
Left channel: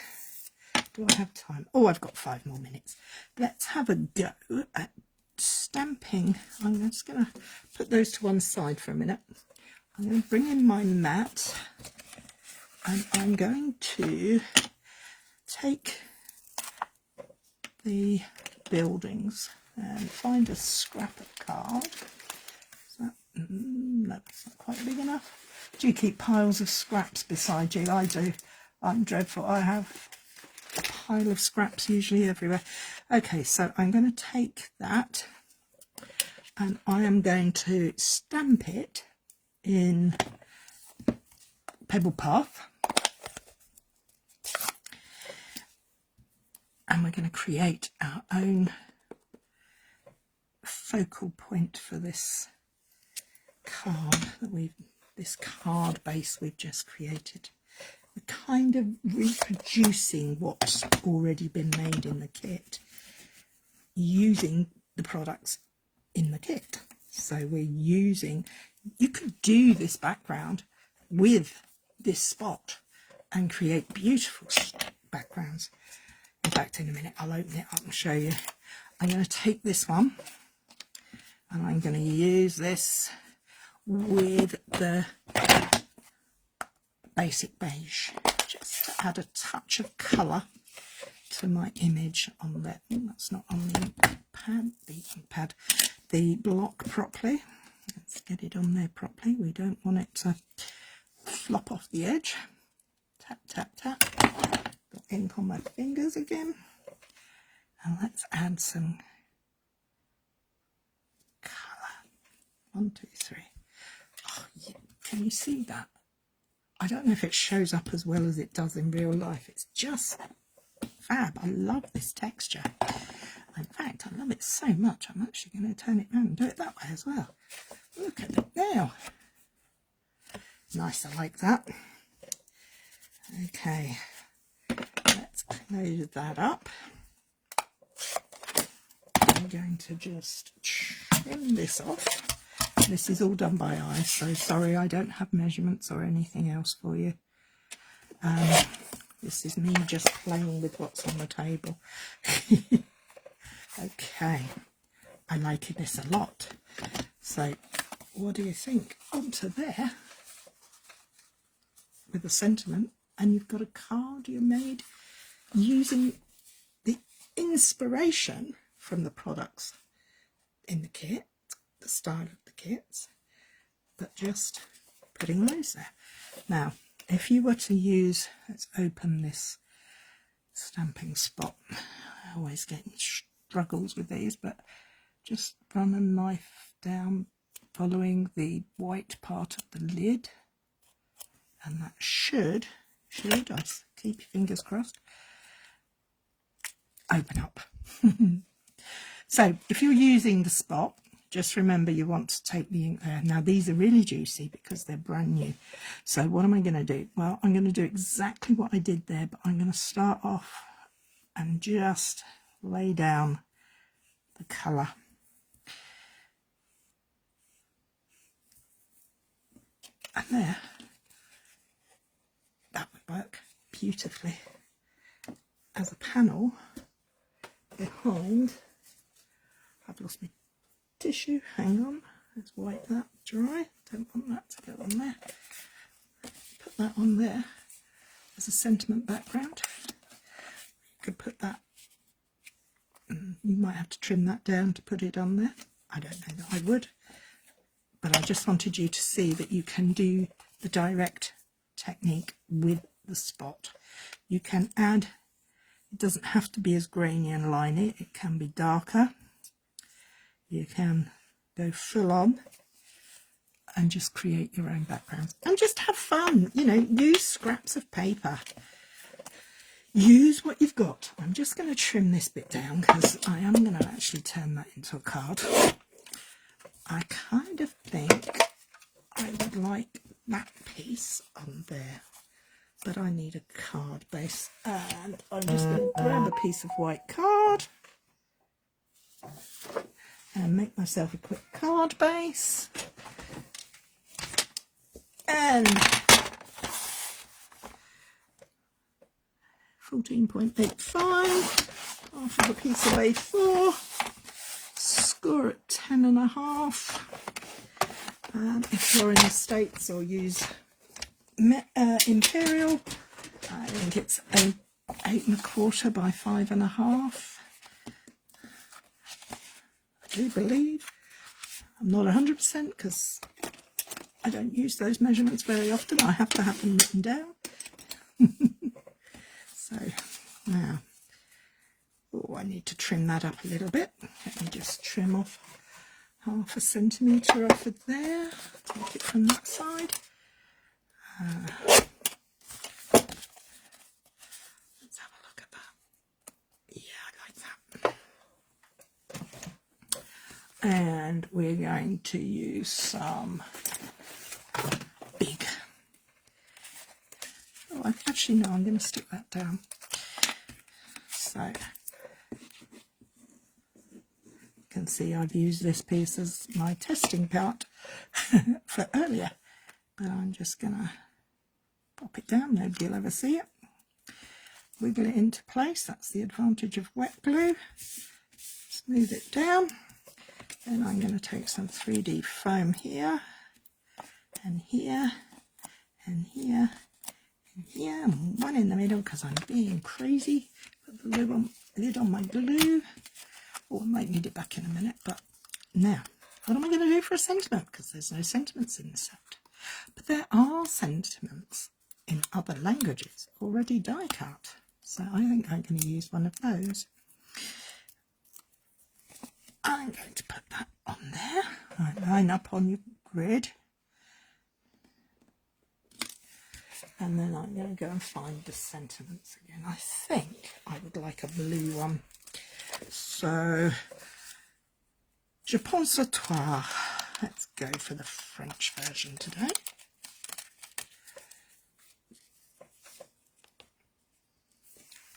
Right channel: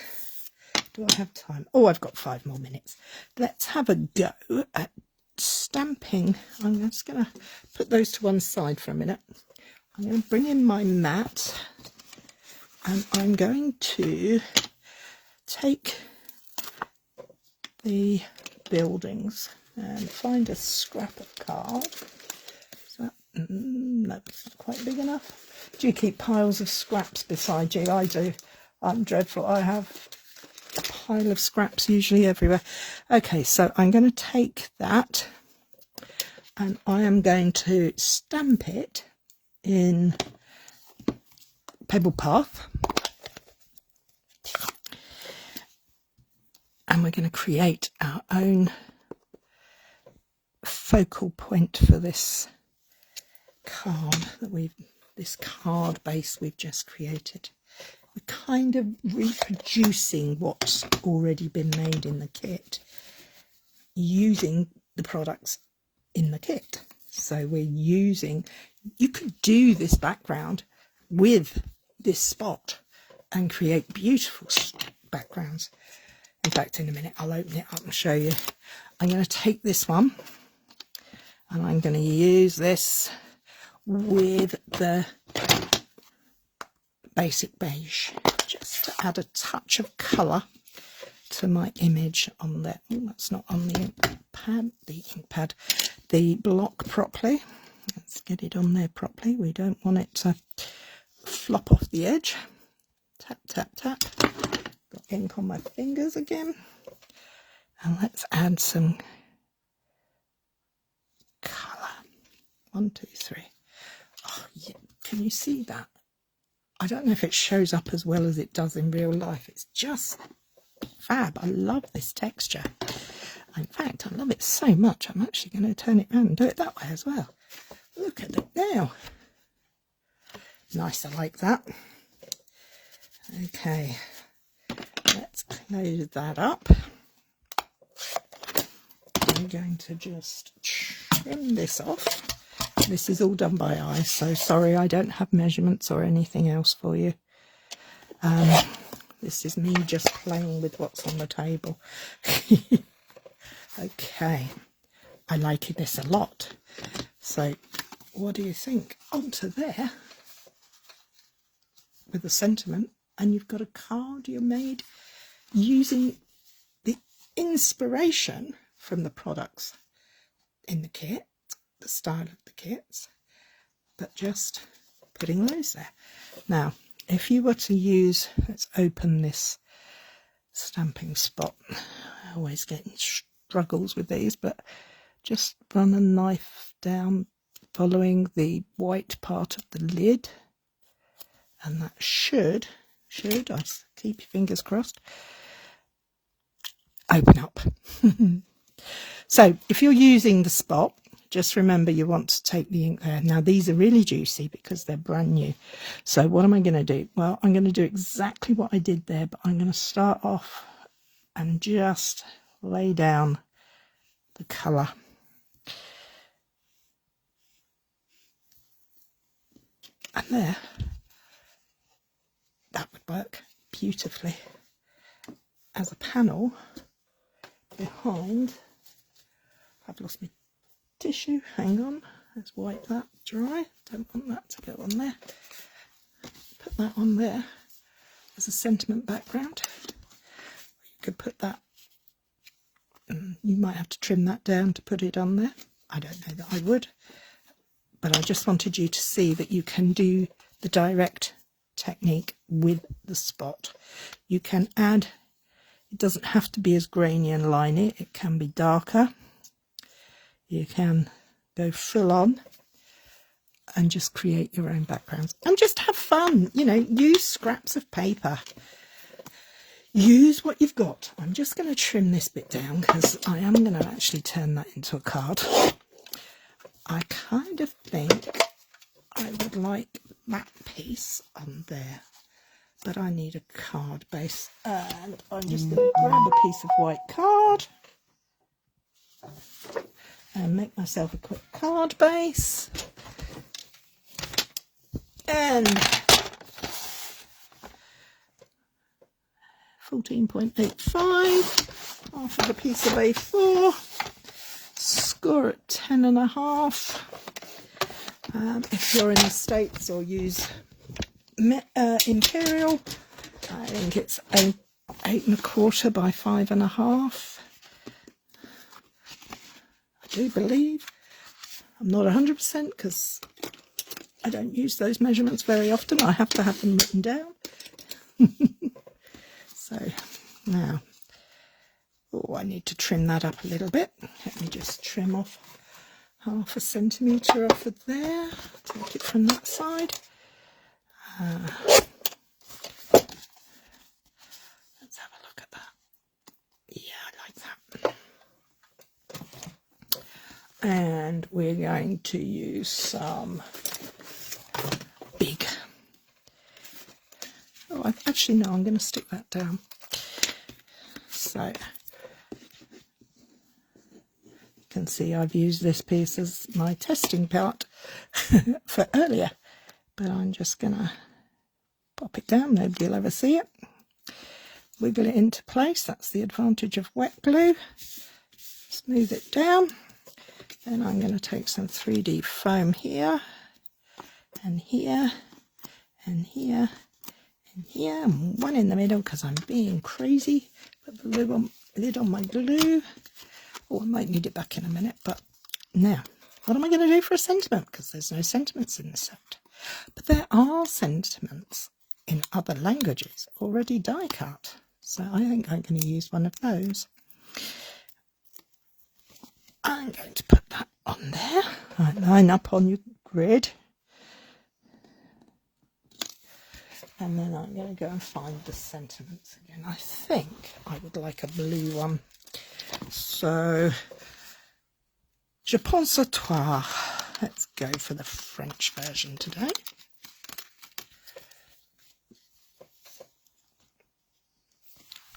do I have time? Oh, I've got 5 more minutes. Let's have a go at stamping. I'm just going to put those to one side for a minute. I'm going to bring in my mat, and I'm going to take the buildings and find a scrap of card. No, it's not quite big enough. Do you keep piles of scraps beside you? I do. I'm dreadful. I have a pile of scraps usually everywhere. Okay, so I'm going to take that and I am going to stamp it in Pebble Path. And we're going to create our own focal point for this card that this card base we've just created. We're kind of reproducing what's already been made in the kit, using the products in the kit. So we're using, you could do this background with this spot and create beautiful backgrounds. In fact, in a minute, I'll open it up and show you. I'm going to take this one and I'm going to use this with the basic beige, just to add a touch of colour to my image on there. Oh, that's not on the ink pad, the block properly. Let's get it on there properly. We don't want it to flop off the edge. Tap, tap, tap. Got ink on my fingers again. And let's add some colour. 1, 2, 3. Oh, yeah. Can you see that? I don't know if it shows up as well as it does in real life. It's just fab. I love this texture. In fact, I love it so much, I'm actually going to turn it around and do it that way as well. Look at it now. Nice, I like that. Okay, let's close that up. I'm going to just trim this off. This is all done by eye, so sorry I don't have measurements or anything else for you. This is me just playing with what's on the table. Okay, I like this a lot. So what do you think? Onto there with a sentiment, and you've got a card you made using the inspiration from the products in the kit, the style of the kits, but just putting those there. Now, if you were to use, let's open this stamping spot. I always get struggles with these, but just run a knife down following the white part of the lid, and that should, I keep your fingers crossed, open up. So if you're using the spot, just remember you want to take the ink there. Now these are really juicy because they're brand new. So what am I going to do? Well, I'm going to do exactly what I did there, but I'm going to start off and just lay down the colour. And there, that would work beautifully as a panel behind. I've lost my tissue, hang on, let's wipe that dry, don't want that to go on there. Put that on there as a sentiment background. You could put that, you might have to trim that down to put it on there. I don't know that I would, but I just wanted you to see that you can do the direct technique with the spot. You can add, it doesn't have to be as grainy and liney, it can be darker. You can go full on and just create your own backgrounds and just have fun, you know, use scraps of paper. Use what you've got. I'm just going to trim this bit down because I am going to actually turn that into a card. I kind of think I would like that piece on there, but I need a card base, and I'm just going to grab a piece of white card and make myself a quick card base, and 14.85, half of a piece of A4, score at 10.5. If you're in the States, or use Imperial, I think it's 8.25 by 5.5. I do believe. I'm not 100% because I don't use those measurements very often. I have to have them written down. So now, oh, I need to trim that up a little bit. Let me just trim off 0.5 centimetre off of there. Take it from that side. Let's have a look at that. Yeah, I like that. And we're going to use some big. Oh, actually no, I'm going to stick that down. So you can see I've used this piece as my testing part for earlier, but I'm just going to pop it down. Nobody will ever see it. Wiggle it into place. That's the advantage of wet glue. Smooth it down. Then I'm going to take some 3D foam here and here and here and here, and one in the middle because I'm being crazy. Put the lid on my glue. Oh, I might need it back in a minute, but now, what am I going to do for a sentiment? Because there's no sentiments in the set. But there are sentiments in other languages already die cut. So I think I'm going to use one of those. I'm going to put that on there. Right, line up on your grid. And then I'm going to go and find the sentiments again. I think I would like a blue one. So, je pense à toi. Let's go for the French version today.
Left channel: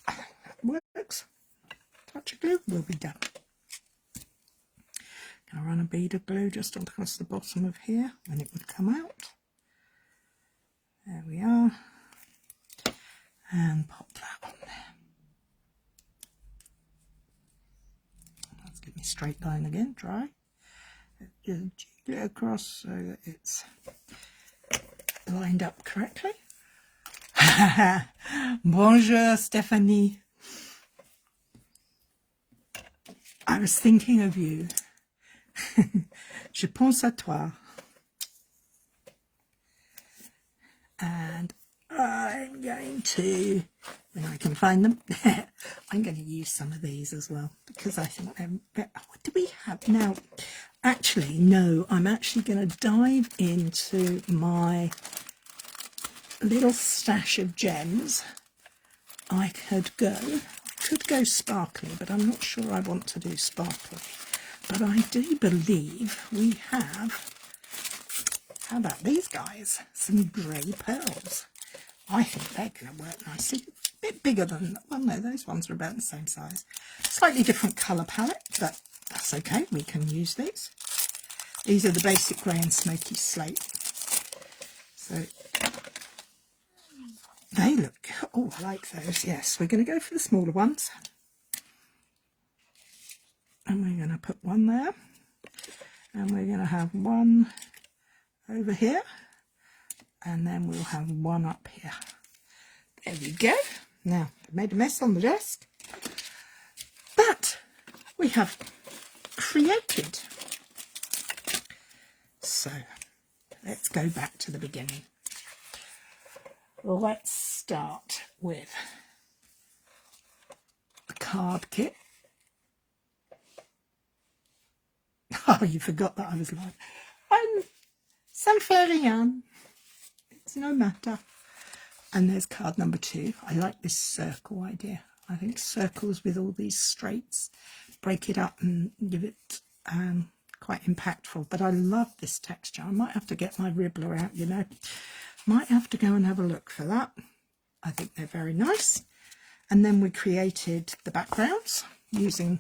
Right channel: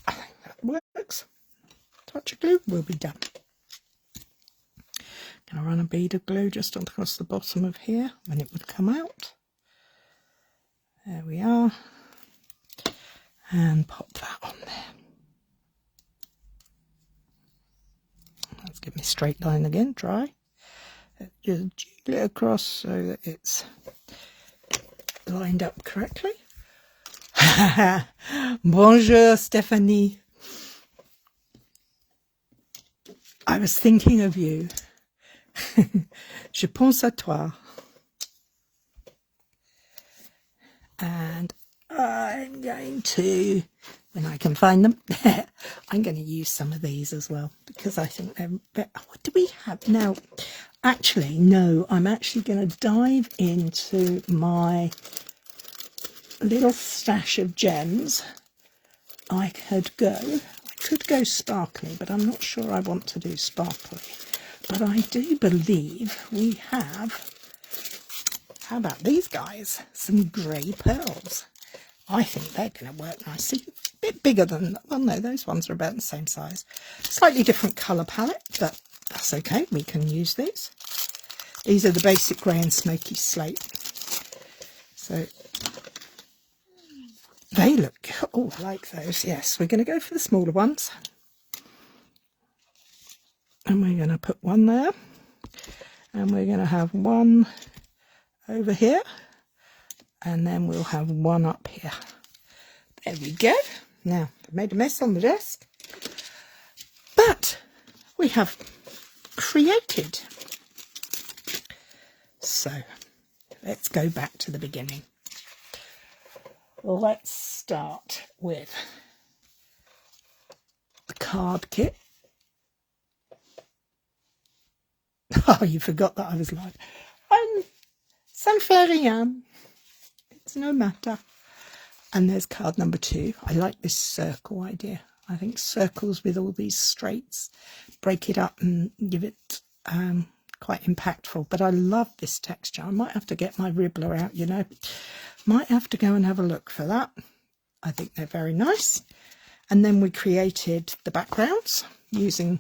I think that works. Touch of glue, we'll be done. Going to run a bead of glue just across the bottom of here when it would come out. There we are. And pop that on there. Let's give me a straight line again, dry. Just jiggle it across so that it's lined up correctly. Bonjour, Stephanie. I was thinking of you. Je pense à toi. And I'm going to, when I can find them, I'm going to use some of these as well because I think they're, what do we have now? Actually, no, I'm actually going to dive into my little stash of gems. I could go sparkly, but I'm not sure I want to do sparkly. But I do believe we have, how about these guys? Some grey pearls. I think they're going to work nicely. A bit bigger than, well, no, those ones are about the same size. Slightly different colour palette, but that's okay. We can use these. These are the basic grey and smoky slate. So they look, oh, I like those. Yes, we're going to go for the smaller ones. And we're going to put one there. And we're going to have one over here. And then we'll have one up here. There we go. Now, I've made a mess on the desk. But we have created. So, let's go back to the beginning. Let's start with the card kit. Oh, you forgot that I was live. Sanferian. It's no matter. And there's card number 2. I like this circle idea. I think circles with all these straights break it up and give it quite impactful. But I love this texture. I might have to get my Ribbler out, you know. Might have to go and have a look for that. I think they're very nice. And then we created the backgrounds using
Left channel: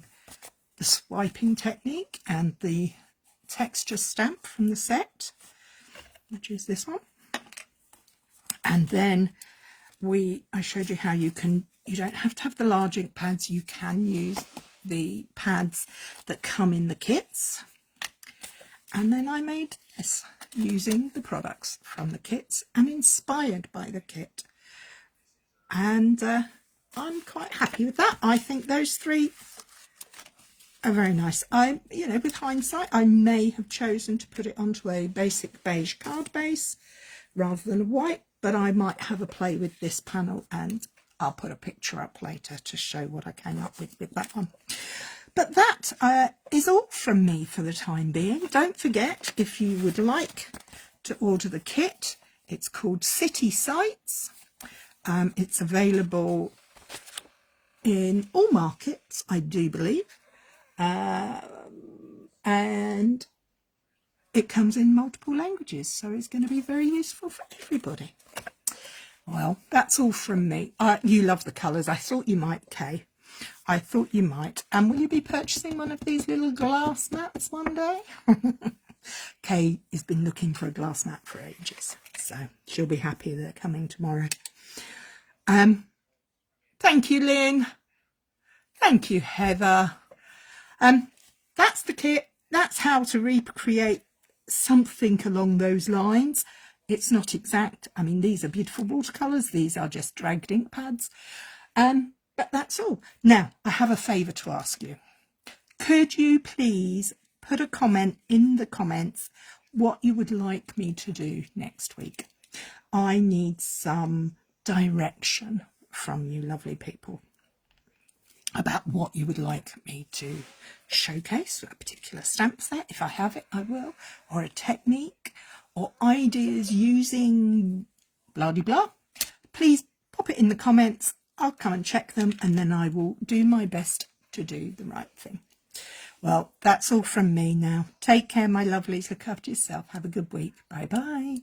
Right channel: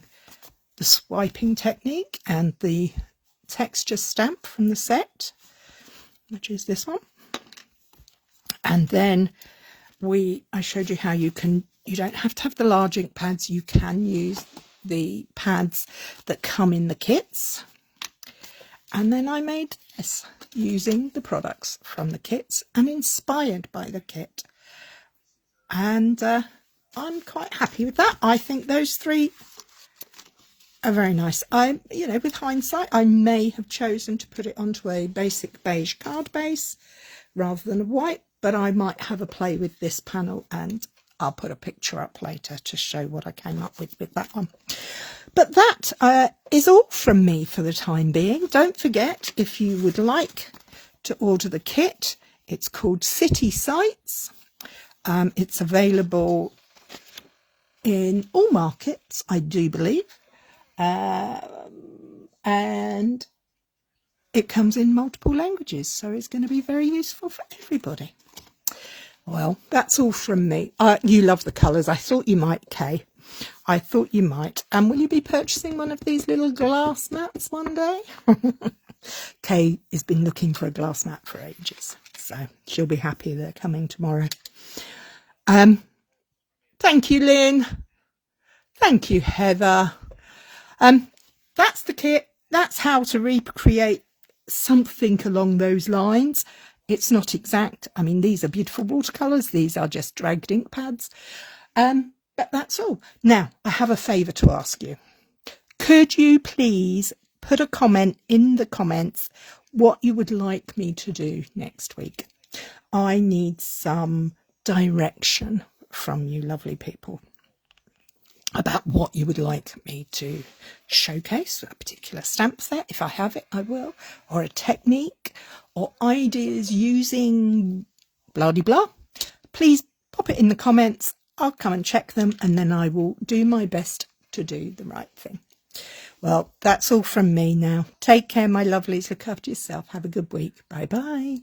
the swiping technique and the texture stamp from the set, which is this one. And then I showed you how you don't have to have the large ink pads. You can use the pads that come in the kits. And then I made this using the products from the kits and inspired by the kit. And I'm quite happy with that. I think those 3 are very nice. You know, with hindsight, I may have chosen to put it onto a basic beige card base rather than a white, but I might have a play with this panel, and I'll put a picture up later to show what I came up with that one. But that is all from me for the time being. Don't forget, if you would like to order the kit, it's called City Sights. It's available in all markets, I do believe. And it comes in multiple languages, so it's going to be very useful for everybody. Well, that's all from me. You love the colours. I thought you might, Kay. I thought you might. And will you be purchasing one of these little glass mats one day? Kay has been looking for a glass mat for ages, so she'll be happy they're coming tomorrow. Thank you, Lynn. Thank you, Heather. That's the kit. That's how to recreate something along those lines. It's not exact. I mean, these are beautiful watercolours. These are just dragged ink pads. But that's all. Now, I have a favour to ask you. Could you please put a comment in the comments what you would like me to do next week? I need some direction from you lovely people about what you would like me to showcase, a particular stamp set, if I have it, I will, or a technique, or ideas using blah-de-blah. Please pop it in the comments. I'll come and check them, and then I will do my best to do the right thing. Well, that's all from me now. Take care, my lovelies. Look after yourself. Have a good week. Bye-bye.